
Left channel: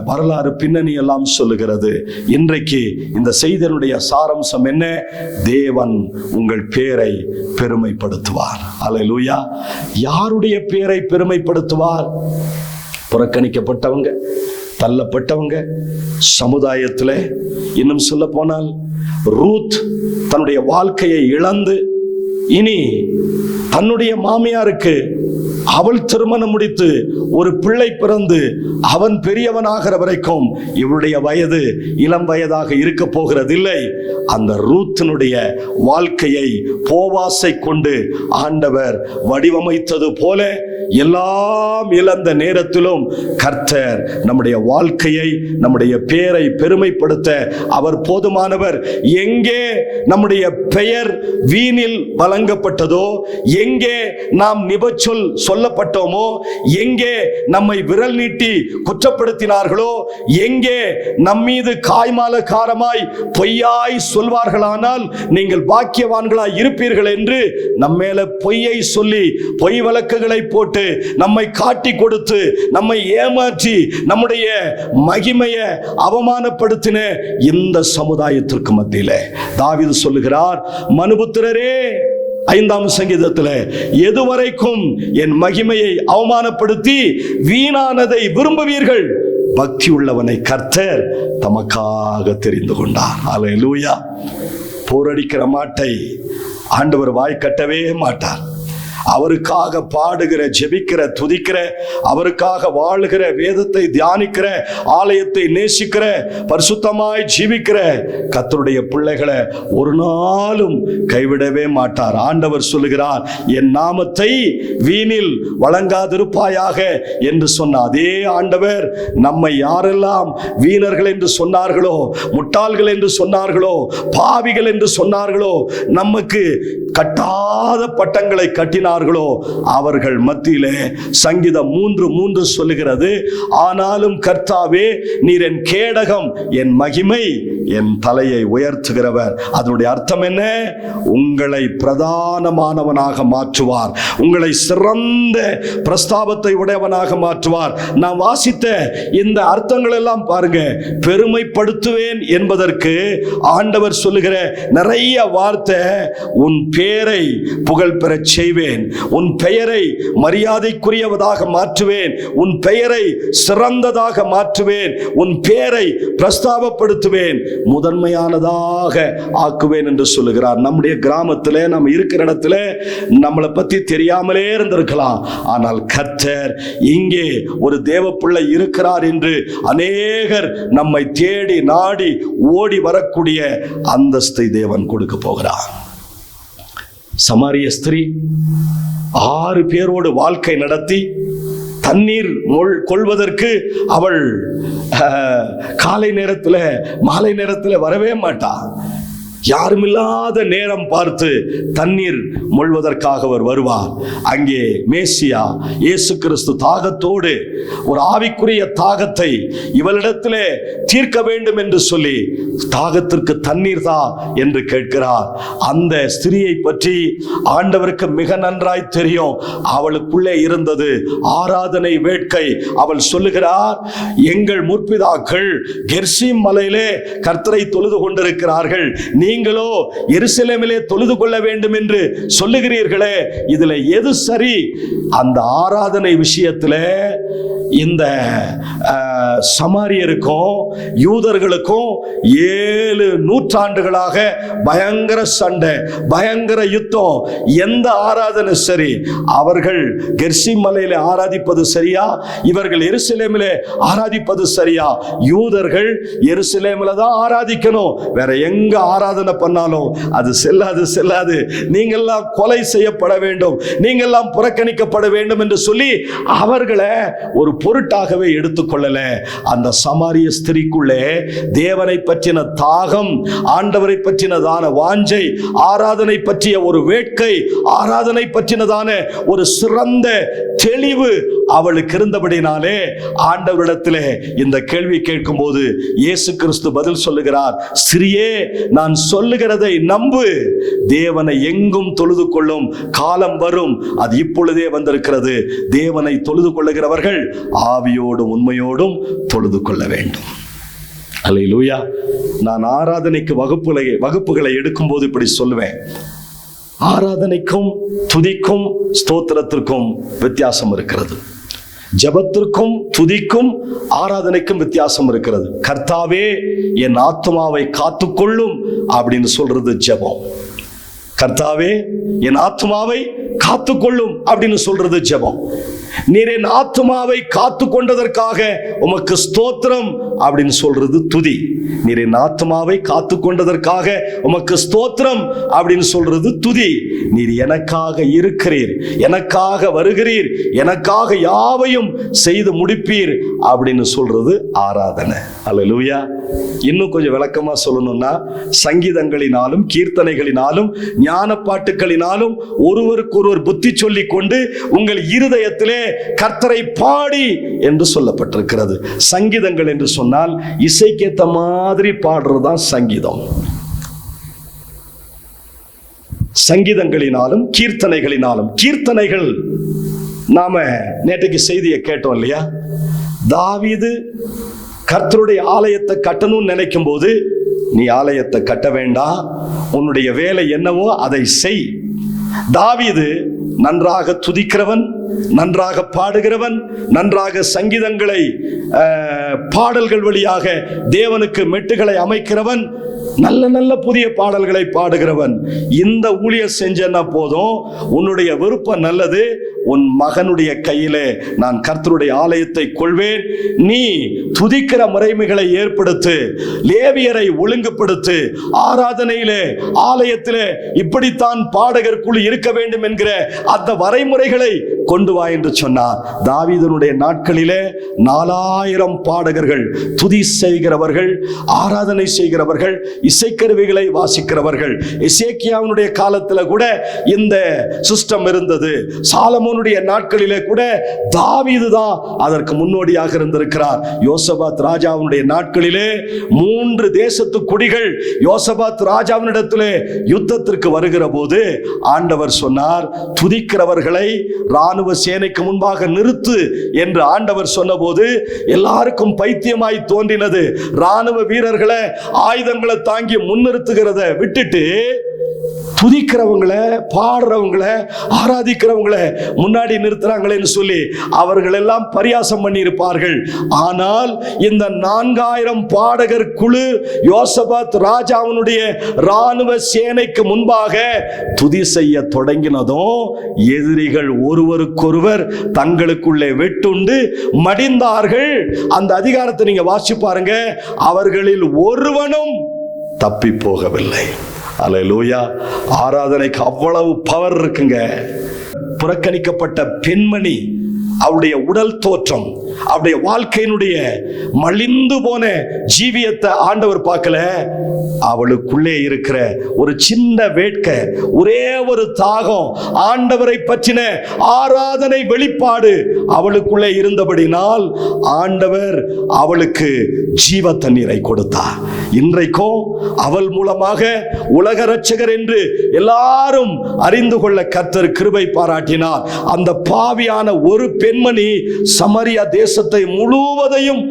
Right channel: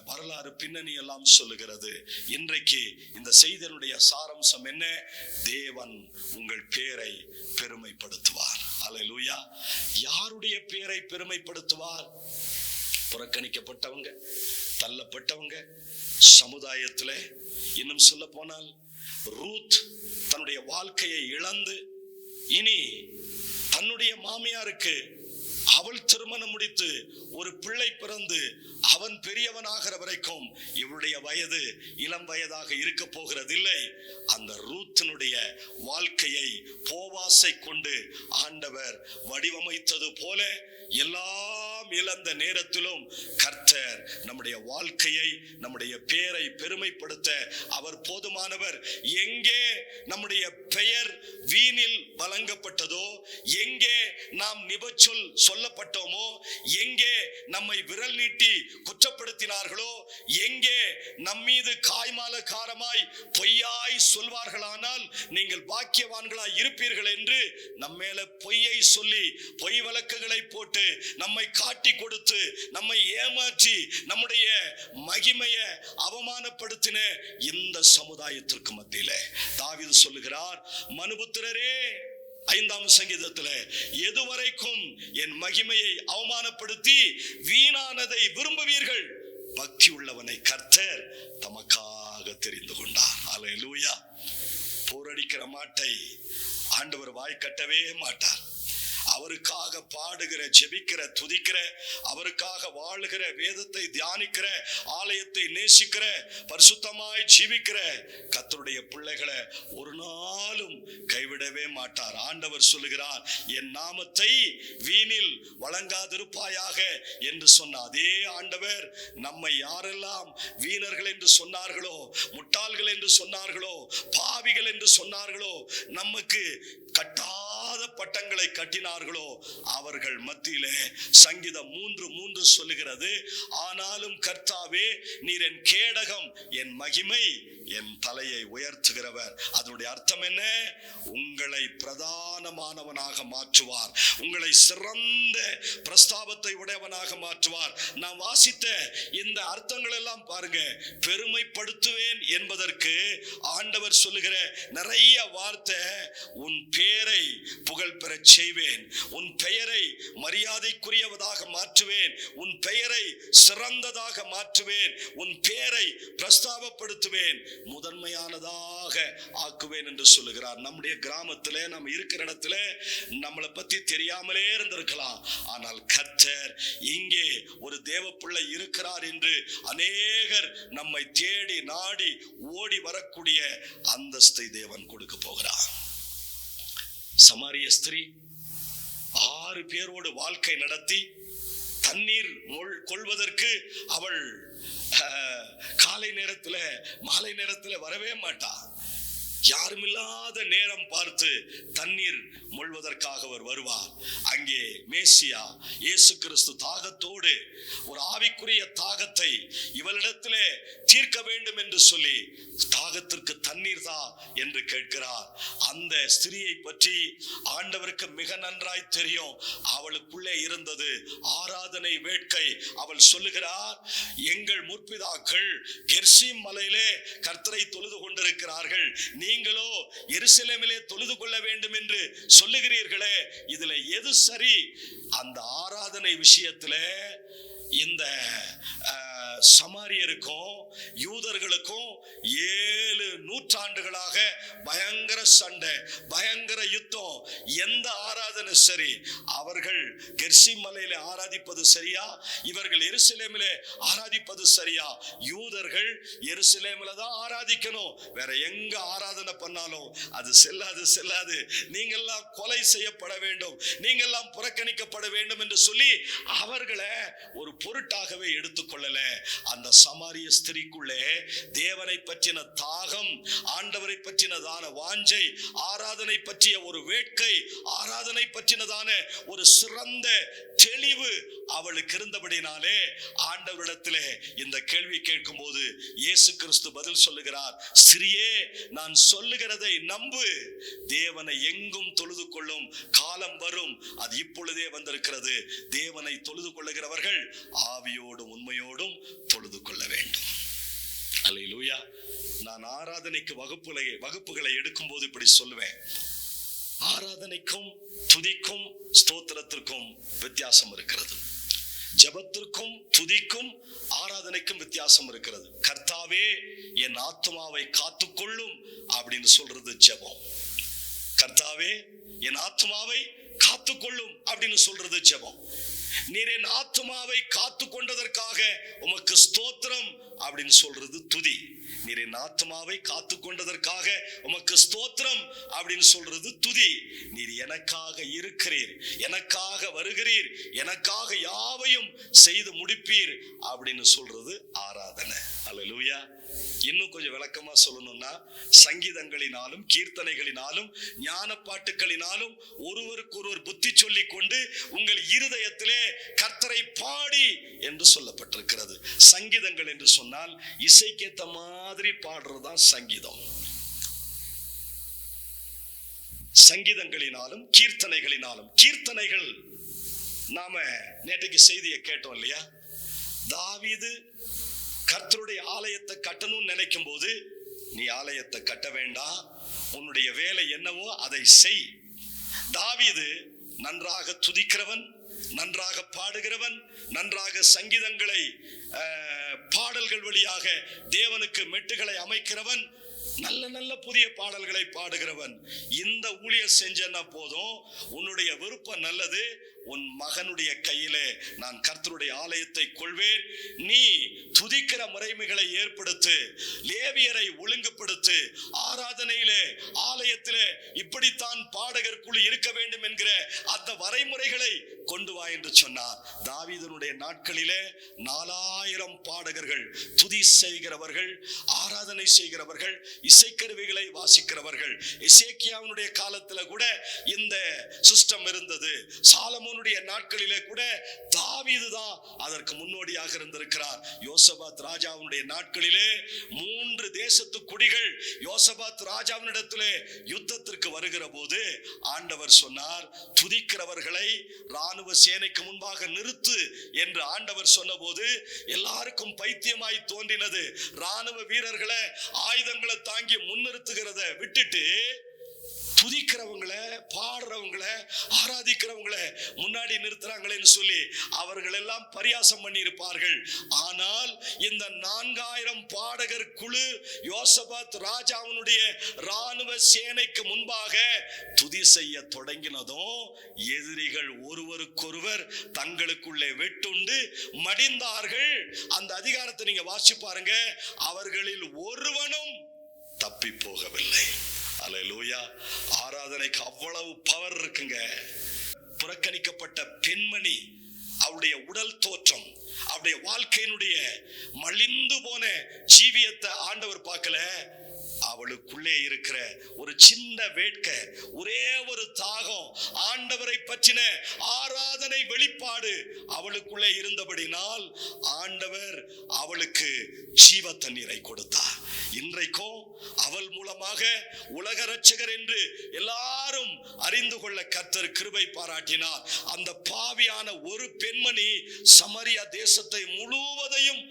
வரலாறு பின்னணி எல்லாம் சொல்லுகிறது. இன்றைக்கு இந்த செய்தியினுடைய சாராம்சம் என்ன? தேவன் உங்கள் பேரை பெருமைப்படுத்துவார். ஹல்லேலூயா. யாருடைய பேரை பெருமைப்படுத்துவார்? புறக்கணிக்கப்பட்டவங்க, தள்ளப்பட்டவங்க, சமுதாயத்தில். இன்னும் சொல்ல போனால் ரூத் தன்னுடைய வாழ்க்கையை இழந்து இனி தன்னுடைய மாமியாருக்கு அவள் திருமணம் முடித்து ஒரு பிள்ளை பிறந்து அவன் பெரியவனாகிற வரைக்கும் இவளுடைய வயது இளம் வயதாக இருக்க போகிறதில்லை. அந்த ரூத்தினுடைய வாழ்க்கையை போவாசை கொண்டு ஆண்டவர் வடிவமைத்தது போல எல்லாம் இழந்த நேரத்திலும் கர்த்தர் நம்முடைய வாழ்க்கையை, நம்முடைய பேரை பெருமைப்படுத்த அவர் போதுமானவர். எங்கே நம்முடைய பெயர் வீணில் வழங்கப்பட்டதோ, எங்கே நாம் நிபச்சொல் சொல்லப்பட்டோமோ, எங்கே நம்மை விரல் நீட்டி குற்றப்படுத்தினார்களோ, எங்கே நம்மீது காய்மாலகாரமாய் பொய்யாய் சொல்வார்களானால் நீங்கள் பாக்கியவான்களாய் இருப்பீர்கள் என்று நம்மேல பொய்யை சொல்லி பொய் வழக்குகளை போட்டு நம்மை காட்டி கொடுத்து நம்மை ஏமாற்றி நம்முடைய மகிமையை அவமானப்படுத்தின இந்த சமுதாயத்திற்கு மத்தியில தாவீது சொல்லுகிறார், மனுபுத்திரரே 5ஆம் சங்கீதத்தில், எதுவரைக்கும் என் மகிமையை அவமானப்படுத்தி வீணானதை விரும்புவீர்கள்? பக்தி உள்ளவனை கர்த்தர் தமக்காக தெரிந்து கொண்டார். ஹல்லேலூயா. போரடிக்கிற மாட்டை ஆண்டவர் வாய் கட்டவே மாட்டார். அவருக்காக பாடுகிற, ஜெபிக்கிற, துதிக்கிற, அவருக்காக வாழுகிற, வேதத்தை தியானிக்கிற, ஆலயத்தை நேசிக்கிற, பரிசுத்தமாய் ஜீவிக்கிற கர்த்தருடைய பிள்ளைகளை ஒரு நாளும் கைவிடவே மாட்டார். ஆண்டவர் சொல்லுகிறார், என் நாமத்தை வீணில் வழங்காதிருப்பாயாக என்று சொன்ன அதே ஆண்டவர் நம்மை யாரெல்லாம் வீணர்கள் என்று சொன்னார்களோ, முட்டாள்கள் என்று சொன்னார்களோ, பாவிகள் என்று சொன்னார்களோ, நமக்கு கட்டாத பட்டங்களை கட்டினார். இருக்கிறார்களோ அவர்கள் மத்தியிலே சங்கீதம் 3:3 சொல்லுகிறது, ஆனாலும் கர்த்தாவே நீர் என் கேடகம், என் மகிமை, என் தலையை உயர்த்துகிறவர். அதனுடைய அர்த்தம் என்ன? உங்களை பிரதானமானவனாக மாற்றுவார், உங்களை சிறந்த பிரஸ்தாபத்தை உடையவனாக மாற்றுவார். நான் வாசித்த இந்த அர்த்தங்கள் எல்லாம் பாருங்க, பெருமைப்படுத்துவேன் என்பதற்கு ஆண்டவர் சொல்லுகிற நிறைய வார்த்தை, உன் பேரை புகழ் பெறச் செய்வேன், உன் பெயரை மரியாதைக்குரியவதாக மாற்றுவேன், உன் பெயரை சிறந்ததாக மாற்றுவேன், உன் பெயரை பிரஸ்தாபப்படுத்துவேன், முதன்மையானதாக ஆக்குவேன் என்று சொல்லுகிறார். நம்முடைய கிராமத்தில் நம்ம இருக்கிற இடத்துல நம்மளை பத்தி தெரியாமலே இருந்திருக்கலாம், ஆனால் கர்த்தர் இங்கே ஒரு தேவ பிள்ளை இருக்கிறார் என்று அநேகர் நம்மை தேடி நாடி ஓடி வரக்கூடிய அந்தஸ்தை தேவன் கொடுக்க போகிறார். சமாரிய ஸ்திரீ 6 பேரோடு வாழ்க்கை நடத்தி தண்ணீர் கொள்வதற்கு அவள் காலை நேரத்தில் மாலை நேரத்தில் வரவே மாட்டாள். யாருமில்லாத நேரம் பார்த்து தண்ணீர் மொள்வதற்காக அவர் வருவார். அங்கே மேசியா இயேசு கிறிஸ்து தாகத்தோடு, ஒரு ஆவிக்குரிய தாகத்தை இவளிடத்திலே தீர்க்க வேண்டும் என்று சொல்லி தாகத்திற்கு தண்ணீர் தா என்று கேட்கிறார். அந்த ஸ்திரியை பற்றி ஆண்டவருக்கு மிக நன்றாய் தெரியும். அவளுக்குள்ளே இருந்தது ஆராதனை வேட்கை. அவள் சொல்லுகிறார், எங்கள் முற்பிதாக்கள் கெர்சிம் மலையிலே கர்த்தரை தொழுது கொண்டிருக்கிறார்கள், நீங்களோ எருசலேமிலே தொழுது கொள்ள வேண்டும் என்று சொல்லுகிறீர்களே, இதுல எது சரி? அந்த ஆராதனை விஷயத்திலே இந்த சமாரியருக்கும் யூதர்களுக்கும் 7 நூற்றாண்டுகளாக பயங்கர சண்டை, பயங்கர யுத்தம். எந்த ஆராதனை சரி? அவர்கள் கெர்சிம் மலையில ஆராதிப்பது சரியா, இவர்கள் எருசலேமிலே ஆராதிப்பது சரியா? யூதர்கள் எருசலேமில தான் ஆராதிக்கணும், வேற எங்க ஆராதனை பண்ணாலும் அது செல்லாது, நீங்கெல்லாம் கொலை செய்யப்பட வேண்டும், நீங்கெல்லாம் புறக்கணிக்கப்பட வேண்டும் என்று சொல்லி அவர்களை ஒரு பொருட்டாகவே எடுத்துக்கொள்ளல. அந்த சமாரிய ஸ்திரிக்குள்ளே தேவனை பற்றின தாகம், ஆண்டவரை பற்றினதான வாஞ்சை, ஆராதனை பற்றிய ஒரு வேட்கை, ஆராதனை பற்றினதான ஒரு சிறந்த தெளிவு அவளுக்கு இருந்தபடினாலே ஆண்டவரிடத்திலே இந்த கேள்வி கேட்கும் போது இயேசு கிறிஸ்து பதில் சொல்லுகிறார், ஸ்திரியே நான் சொல்லுகிறதை நம்பு, தேவனை எங்கும் தொழுது கொள்ளும் காலம் வரும், அது இப்பொழுதே வந்திருக்கிறது. தேவனை தொழுது கொள்ளுகிறவர்கள் ஆவியோடும் உண்மையோடும் தொழுது கொள்ள வேண்டும். அல்லேலூயா. நான் ஆராதனைக்கு வகுப்புகளை எடுக்கும் போது இப்படி சொல்லுவேன், ஆராதனைக்கும் துதிக்கும் ஸ்தோத்திரத்திற்கும் வித்தியாசம் இருக்கிறது. ஜெபத்திற்கும் துதிக்கும் ஆராதனைக்கும் வித்தியாசம் இருக்கிறது. கர்த்தாவே என் ஆத்துமாவை காத்துக்கொள்ளும் அப்படின்னு சொல்றது ஜெபம். கர்த்தாவே என் ஆத்துமாவை காத்துக்கொள்ளும் அப்படின்னு சொல்றது ஜெபம். நீர் என் ஆத்துமாவை காத்து கொண்டதற்காக உமக்கு ஸ்தோத்திரம் அப்படின்னு சொல்றது துதி. நீர் என் ஆத்துமாவை காத்து கொண்டதற்காக உமக்கு ஸ்தோத்திரம் அப்படின்னு சொல்றது துதி. நீர் எனக்காக இருக்கிறீர், எனக்காக வருகிறீர், எனக்காக யாவையும் செய்து முடிப்பீர் அப்படின்னு சொல்றது ஆராதனை. அல்லேலூயா. இன்னும் கொஞ்சம் விளக்கமா சொல்லணும்னா, சங்கீதங்களினாலும் கீர்த்தனைகளினாலும் ஞான பாட்டுகளினாலும் ஒருவருக்கொருவர் புத்தி சொல்லி கொண்டு உங்கள் இருதயத்திலே கர்த்தரை பாடி என்று சொல்லப்பட்டிருக்கிறது. சங்கீதங்கள் என்று சொன்னால் இசைக்கேத்த மாதிரி பாடுறதுதான் சங்கீதம். சங்கீதங்களினாலும் கீர்த்தனைகளினாலும், கீர்த்தனைகள் நாம நேற்றைக்கு செய்தியை கேட்டோம் இல்லையா? தாவீது கர்த்தருடைய ஆலயத்தை கட்டணும்னு நினைக்கும் போது, நீ ஆலயத்தை கட்ட வேண்டாம், உன்னுடைய வேலை என்னவோ அதை செய். தாவீது நன்றாக துதிக்கிறவன், நன்றாக பாடுகிறவன், நன்றாக சங்கீதங்களை பாடல்கள் வழியாக தேவனுக்கு மெட்டுகளை அமைக்கிறவன், நல்ல நல்ல புதிய பாடல்களை பாடுகிறவன். இந்த ஊழியம் செஞ்சனா போதும், உன்னுடைய விருப்பம் நல்லது, உன் மகனுடைய கையிலே நான் கர்த்தருடைய ஆலயத்தை கொள்வேன். நீ துதிக்கிற முறைமைகளை ஏற்படுத்து, லேவியரை ஒழுங்குபடுத்து, ஆராதனையிலே ஆலயத்திலே இப்படித்தான் பாடகர் குழு இருக்க வேண்டும் என்கிற அந்த வரைமுறைகளை கொண்டு வா என்று சொன்னார். தாவீதனுடைய நாட்களிலே 4000 பாடகர்கள், துதி செய்கிறவர்கள், ஆராதனை செய்கிறவர்கள், இசைக்கருவிகளை வாசிக்கிறவர்கள். எசேக்கியாவினுடைய காலத்தில் கூட இந்த சிஸ்டம் இருந்தது. சாலமோனுடைய நாட்களிலே கூட தாவீது தான் அதற்கு முன்னோடியாக இருந்திருக்கிறார். யோசபாத் ராஜாவினுடைய நாட்களிலே 3 தேசத்து குடிகள் யோசபாத் ராஜாவினிடத்திலே யுத்தத்திற்கு வருகிற போது ஆண்டவர் சொன்னார், துதிக்கிறவர்களை ராணுவ சேனைக்கு முன்பாக நிறுத்து என்று ஆண்டவர் சொன்னபோது எல்லாருக்கும் பைத்தியமாய் தோன்றினது. ராணுவ வீரர்களை ஆயுதங்களை தாங்கி முன்னிறுத்துகிறத விட்டுட்டு துதிக்கிறவங்களை, பாடுறவங்களை, ஆராதிக்கிறவங்களை முன்னாடி நிறுத்துறாங்களேன்னு சொல்லி அவர்கள் எல்லாம் பரியாசம் பண்ணி இருப்பார்கள். ஆனால் இந்த 4000 பாடகர் குழு யோசபாத் ராஜாவினுடைய ராணுவ சேனைக்கு முன்பாக துதி செய்ய தொடங்கினதும் எதிரிகள் ஒருவருக்கொருவர் தங்களுக்குள்ளே வெட்டுண்டு மடிந்தார்கள். அந்த அதிகாரத்தை நீங்க வாசிச்சு பாருங்க. அவர்களில் ஒருவனும் தப்பி போகவில்லை. அல்லேலூயா. ஆராதனைக்கு அவ்வளவு பவர் இருக்குங்க. புறக்கணிக்கப்பட்ட பெண்மணி, அவருடைய உடல் தோற்றம், அவருடைய வாழ்க்கையினுடைய மலிந்து போன ஜீவியத்தை ஆண்டவர் பார்க்கல. அவளுக்குள்ளே இருக்கிற ஒரு சின்ன வேட்கை, ஒரே ஒரு தாகம், ஆண்டவரை பற்றின ஆராதனை வெளிப்பாடு அவளுக்குள்ளே இருந்தபடினால் ஆண்டவர் அவளுக்கு ஜீவ தண்ணீரை கொடுத்தார். இன்றைக்கும் அவள் மூலமாக உலக இரட்சகர் என்று எல்லாரும் அறிந்து கொள்ள கர்த்தர் கிருபை பாராட்டினார். அந்த பாவியான ஒரு பெண்மணி சமரியா தேசத்தை முழுவதையும்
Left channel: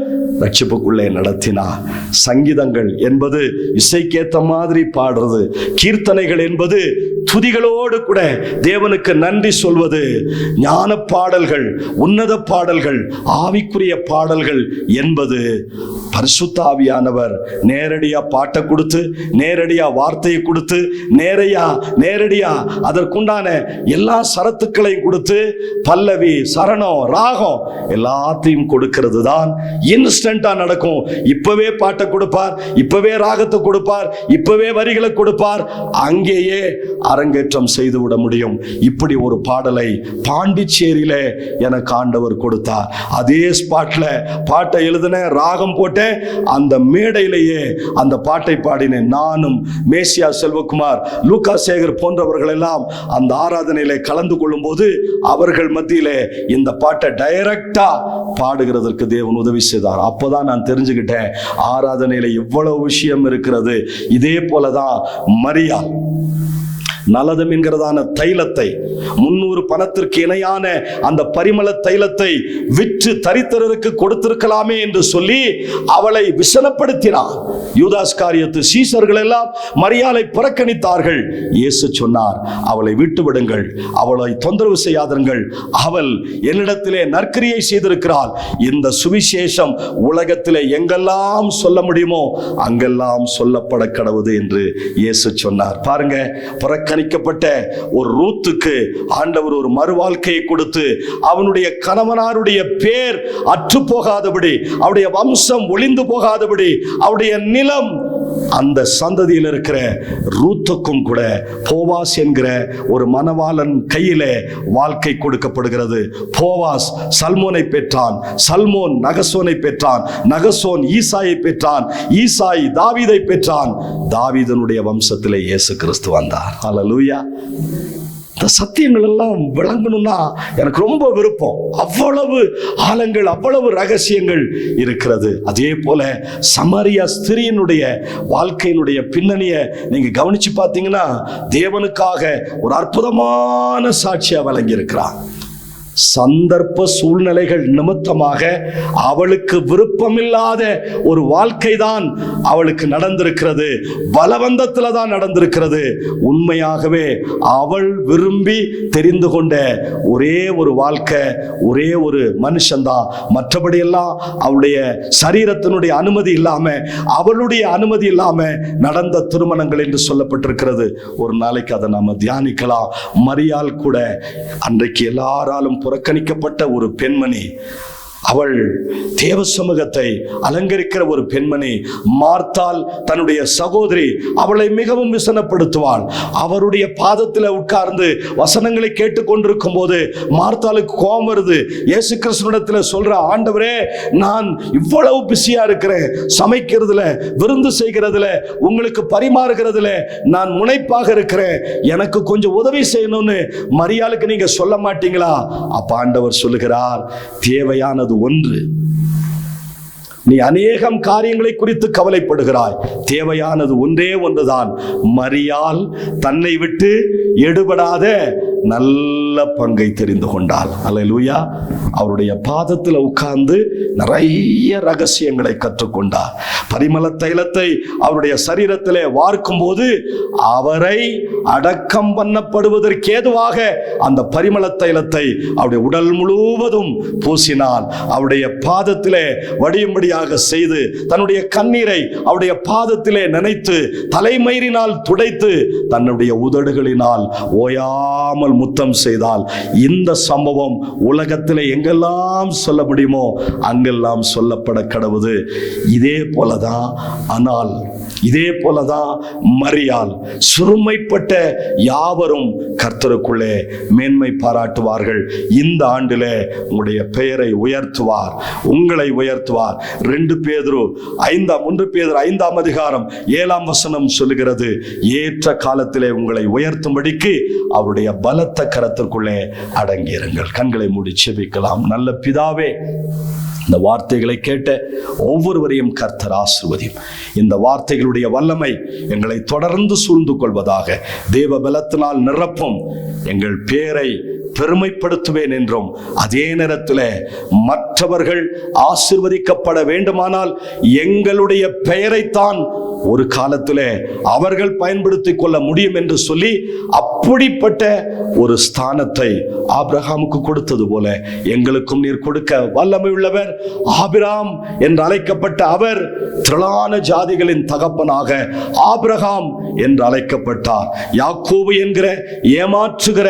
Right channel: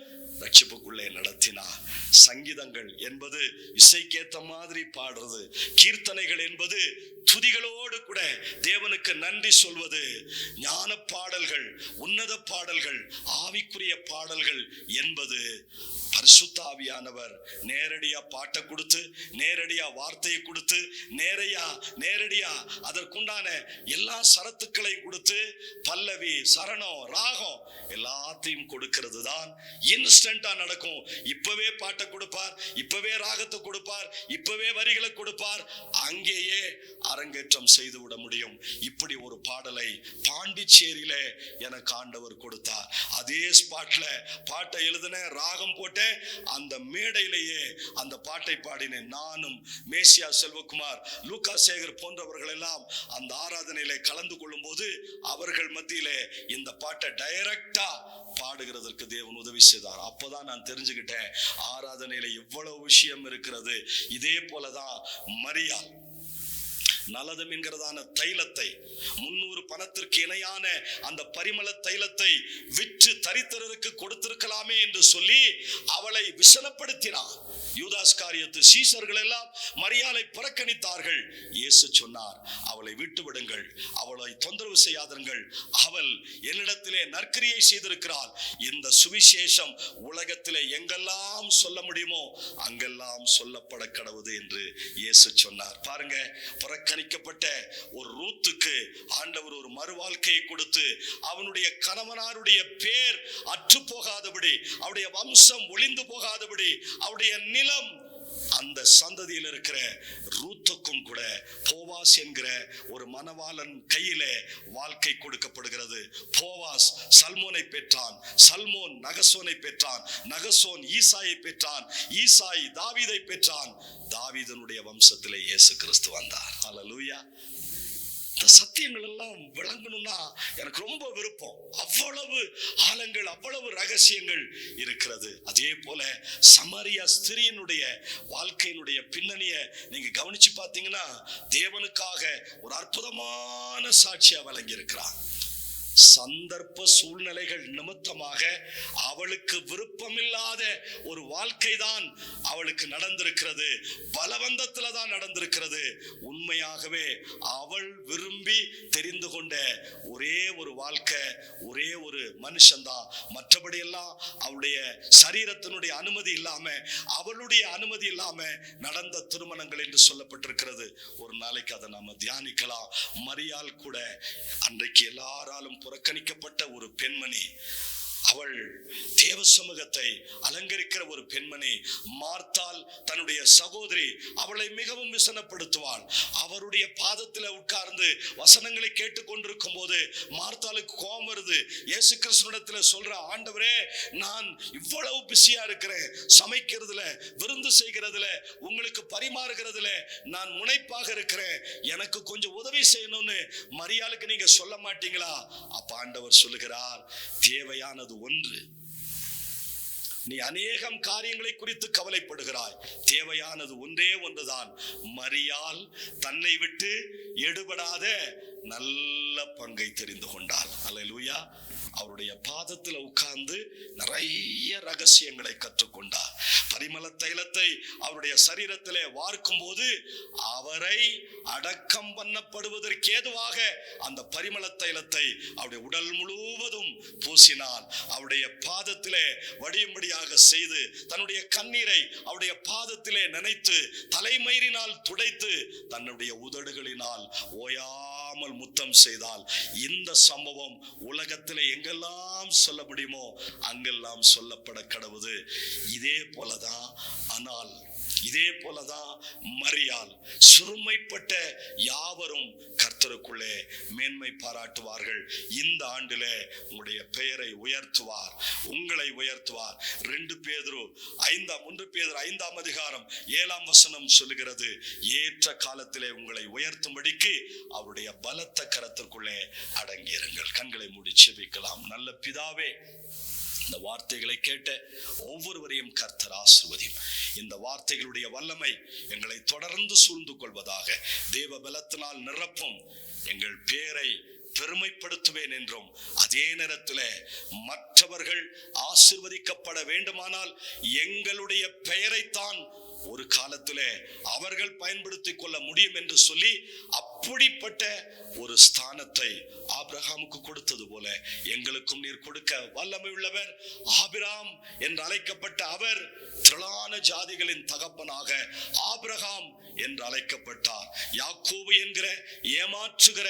ரட்சிப்புக்குள்ளே நடத்தினார். சங்கீதங்கள் என்பது இசைக்கேத்த மாதிரி பாடுறது, கீர்த்தனைகள் என்பது துதிகளோடு கூட தேவனுக்கு நன்றி சொல்வது, ஞான பாடல்கள், உன்னத பாடல்கள், ஆவிக்குரிய பாடல்கள் என்பது பரிசுத்த ஆவியானவர் நேரடியா பாட்டை கொடுத்து, நேரடியா வார்த்தையை கொடுத்து, நேரடியா அதற்குண்டான எல்லா சரத்துக்களையும் கொடுத்து, பல்லவி, சரணம், ராகம் எல்லாத்தையும் கொடுக்கிறது தான் இன்ஸ்டன்டா நடக்கும். இப்பவே பாட்டை கொடுப்பார், இப்பவே ராகத்தை கொடுப்பார், இப்பவே வரிகளை கொடுப்பார், அங்கேயே அரங்கேற்றம் செய்து விட முடியும். இப்படி ஒரு பாடலை பாண்டிச்சேரியில எனக்கு ஆண்டவர் கொடுத்தார். அதே ஸ்பாட்ல பாட்டை எழுதின, ராகம் போட்டேன், அந்த மேடையிலேயே அந்த பாட்டை பாடினேன். நானும் மேசியா செல்வகுமார், லூக்கா சேகர் போன்றவர்கள் எல்லாம் அந்த ஆராதனையிலே கலந்து கொள்ளும் போது அவர்கள் மத்தியிலே இந்த பாட்டை டைரக்டா பாடுகிறதற்கு தேவன் உதவி செய்தார். அப்போதான் நான் தெரிஞ்சுக்கிட்டேன் ஆராதனையில எவ்வளவு விஷயம் இருக்கிறது. இதே போலதான் மரியாள் நலதம் என்கிறதான தைலத்தை, 300 பணத்திற்கு இணையான அந்த பரிமள தைலத்தை விற்று தரித்திரருக்கு கொடுத்திருக்கலாமே என்று சொல்லி அவளை விசனப்படுத்தினார். யூதாஸ் காரியத்து சீசர்கள் எல்லாம் மரியாளை புறக்கணித்தார்கள். இயேசு சொன்னார், அவளை விட்டு விடுங்கள், அவளை தொந்தரவு செய்யாதீர்கள், அவள் என்னிடத்திலே நற்கிரியை செய்திருக்கிறாள். இந்த சுவிசேஷம் உலகத்திலே எங்கெல்லாம் சொல்ல முடியுமோ அங்கெல்லாம் சொல்லப்பட கடவுது என்று இயேசு சொன்னார். பாருங்க, புறக்கணிக்கப்பட்ட ஒரு ரூத்துக்கு ஆண்டவர் ஒரு மறுவாழ்க்கையை கொடுத்து அவனுடைய கணவனாருடைய பேர் அற்று போகாதபடி, அவருடைய வம்சம் ஒளிந்து போகாதபடி, அவருடைய நிலம் அந்த சந்ததியில் இருக்கிற ரூத்துக்கும் கூட போவாஸ் என்கிற ஒரு மணவாளன் கையிலே வாழ்க்கை கொடுக்கப்படுகிறது. போவாஸ் சல்மோனை பெற்றான், சல்மோன் நகசோனை பெற்றான், நகசோன் ஈசாயை பெற்றான், ஈசாய் தாவீதை பெற்றான், தாவீதனுடைய வம்சத்திலே இயேசு கிறிஸ்து வந்தார். அல்லேலூயா. இந்த சத்தியங்கள் எல்லாம் விளங்கணும்னா எனக்கு ரொம்ப விருப்பம். அவ்வளவு ஆழங்கள், அவ்வளவு ரகசியங்கள் இருக்கிறது. அதே போல சமரியா ஸ்திரீயினுடைய வாழ்க்கையினுடைய பின்னணியை நீங்க கவனிச்சு பார்த்தீங்கன்னா தேவனுக்காக ஒரு அற்புதமான சாட்சியா வழங்கி இருக்கிறார். சந்தர்ப்ப சூழ்நிலைகள் நிமித்தமாக அவளுக்கு விருப்பமில்லாத ஒரு வாழ்க்கை தான் அவளுக்கு நடந்திருக்கிறது. பலவந்தத்துல தான் நடந்திருக்கிறது. உண்மையாகவே அவள் விரும்பி தெரிந்து கொண்ட ஒரே ஒரு வாழ்க்கை, ஒரே ஒரு மனுஷன்தான். மற்றபடி எல்லாம் அவளுடைய சரீரத்தினுடைய அனுமதி இல்லாம, அவளுடைய அனுமதி இல்லாம நடந்த திருமணங்கள் என்று சொல்லப்பட்டிருக்கிறது. ஒரு நாளைக்கு அதை நாம தியானிக்கலாம். மரியாள் கூட அன்றைக்கு எல்லாராலும் புறக்கணிக்கப்பட்ட ஒரு பெண்மணி. அவள் தேவ சமூகத்தை அலங்கரிக்கிற ஒரு பெண்மணி. மார்த்தாள் தன்னுடைய சகோதரி அவளை மிகவும் விசனப்படுத்துவாள். அவருடைய பாதத்தில் உட்கார்ந்து வசனங்களை கேட்டுக்கொண்டிருக்கும் போது மார்த்தாளுக்கு கோபம் வருது. இயேசு கிறிஸ்துவிடத்தில் சொல்ற, ஆண்டவரே, நான் இவ்வளவு பிஸியா இருக்கிறேன், சமைக்கிறதுல, விருந்து செய்கிறதுல, உங்களுக்கு பரிமாறுகிறதுல நான் முனைப்பாக இருக்கிறேன், எனக்கு கொஞ்சம் உதவி செய்யணும்னு மரியாளுக்கு நீங்க சொல்ல மாட்டீங்களா? அப்ப ஆண்டவர் சொல்லுகிறார், தேவையானது ஒன்று. நீ அநேகம் காரியங்களை குறித்து கவலைப்படுகிறாய், தேவையானது ஒன்றே ஒன்றுதான். மரியாள் தன்னை விட்டு எடுபடாத நல்ல பங்கை தெரிந்து கொண்டாள். அல்லேலூயா. அவருடைய பாதத்தில் உட்கார்ந்து நிறைய ரகசியங்களை கற்றுக்கொண்டார். பரிமள தைலத்தை அவருடைய சரீரத்திலே வார்க்கும் போது அவரை அடக்கம் பண்ணப்படுவதற்கு ஏதுவாக அந்த பரிமள தைலத்தை அவருடைய உடல் முழுவதும் பூசினாள். அவருடைய பாதத்திலே வடியும்படியாக செய்து தன்னுடைய கண்ணீரை அவருடைய பாதத்திலே நினைத்து தலைமயிரினால் துடைத்து தன்னுடைய உதடுகளினால் ஓயாமல் முத்தம் செய்தால். இந்த சம்பவம் உலகத்திலே எங்கெல்லாம் சொல்ல முடியுமோ அங்கெல்லாம் சொல்லப்பட கடவுது. இதே போலதான் ஆனால் இதே போலதான் மரியாள். சிறுமைப்பட்ட யாவரும் கர்த்தருக்குள்ளே மேன்மை பாராட்டுவார்கள். இந்த ஆண்டிலே உங்களுடைய பெயரை உயர்த்துவார், உங்களை உயர்த்துவார். 2 பேதுரு 5 அதிகாரம் 7ஆம் வசனம் சொல்லுகிறது, ஏற்ற காலத்திலே உங்களை உயர்த்தும்படிக்கு அவருடைய பலத்த கரத்திற்குள்ளே அடங்கியிருங்கள். கண்களை மூடி செபிக்கலாம். நல்ல பிதாவே, இந்த வார்த்தைகளை கேட்ட ஒவ்வொருவரையும் கர்த்தர் ஆசீர்வதியும். இந்த வார்த்தைகளுடைய வல்லமை எங்களை தொடர்ந்து சூழ்ந்து கொள்வதாக. தேவ பலத்தினால் நிரப்பும். எங்கள் பேரை பெருமைப்படுத்துவேன் என்றும், அதே நேரத்தில் மற்றவர்கள் ஆசீர்வதிக்கப்பட வேண்டுமானால் எங்களுடைய பெயரைத்தான் ஒரு காலத்திலே அவர்கள் பயன்படுத்திக் கொள்ள முடியும் என்று சொல்லி அப்படிப்பட்ட ஒரு ஸ்தானத்தை ஆபிரகாமுக்கு கொடுத்தது போல எங்களுக்கும் நீர் கொடுக்க வல்லமை உள்ளவர். ஆபிராம் என்று அழைக்கப்பட்ட அவர் திரளான ஜாதிகளின் தகப்பனாக ஆபிரகாம் என்று அழைக்கப்பட்டார். யாக்கோபு என்கிற ஏமாற்றுகிற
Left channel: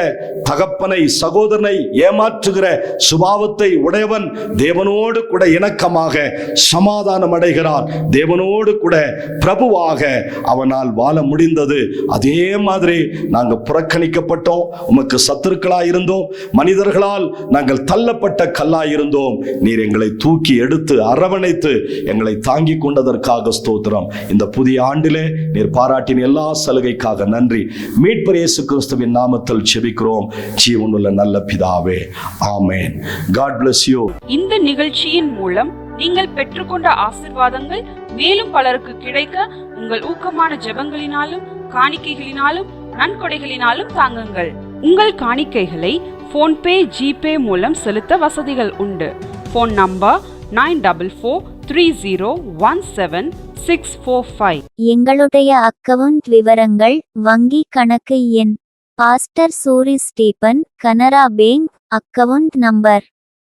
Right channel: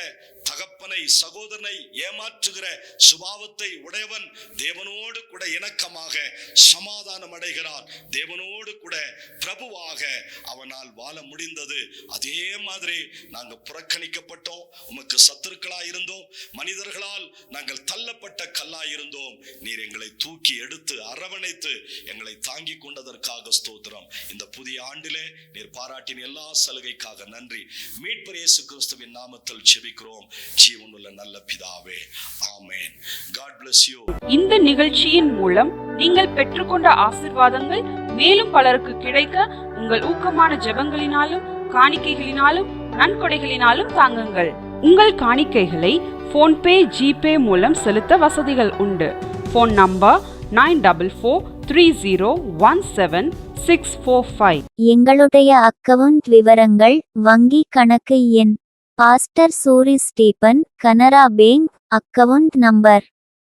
தகப்பனை, சகோதரனை ஏமாற்றுகிற சுபாவத்தை உடையவன் தேவனோடு கூட இணக்கமாக சமாதானம் அடைகிறான். தேவனோடு கூட பிரபுவாக அவனால் வாழ முடிந்தது. அதே மாதிரி நாங்கள் புறக்கணிக்கப்பட்டோம், உமக்கு சத்துருக்களாய் இருந்தோம், மனிதர்களால் நாங்கள் தள்ளப்பட்ட கல்லாய் இருந்தோம். நீர் எங்களை தூக்கி எடுத்து அரவணைத்து எங்களை தாங்கி கொண்டதற்காக ஸ்தோத்திரம். இந்த புதிய ஆண்டிலே நீர் பாராட்டின எல்லா சலுகைக்காக நன்றி. மீட்பர் இயேசு கிறிஸ்துவின் நாமத்தில் ஜெபிக்கிறோம் ஜீவனுள்ள நல்ல பிதாவே, ஆமென். God bless you. இந்த நிகழ்ச்சியின் மூலம் நீங்கள் பெற்றுக்கொண்ட ஆசீர்வாதங்கள் மேலும் பலருக்கு கிடைக்க உங்கள் ஊக்கமான ஜெபங்களினாலும் காணிக்கைகளினாலும் நன்கொடைகளினாலும் தாங்குங்கள். உங்கள் காணிக்கைகளை போன்பே, ஜிபே மூலம் செலுத்த வசதிகள் உண்டு. Phone number 9430171645. எங்களுடைய அக்கவுண்ட் விவரங்கள்: வங்கி கணக்கு எண் pastor Suri Stephen, Canara bank, account number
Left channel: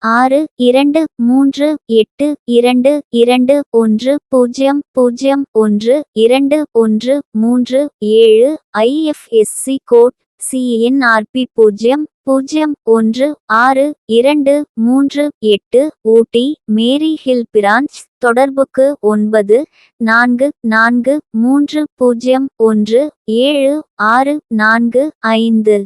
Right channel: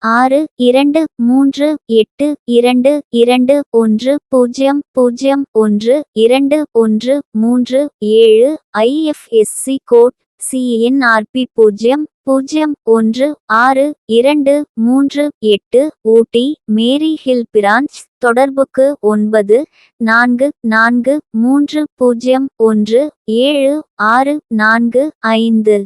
623821012137, IFSC code CNRP 0016238, Ooty Mary Hill branch. தொடர்புக்கு 9443017645.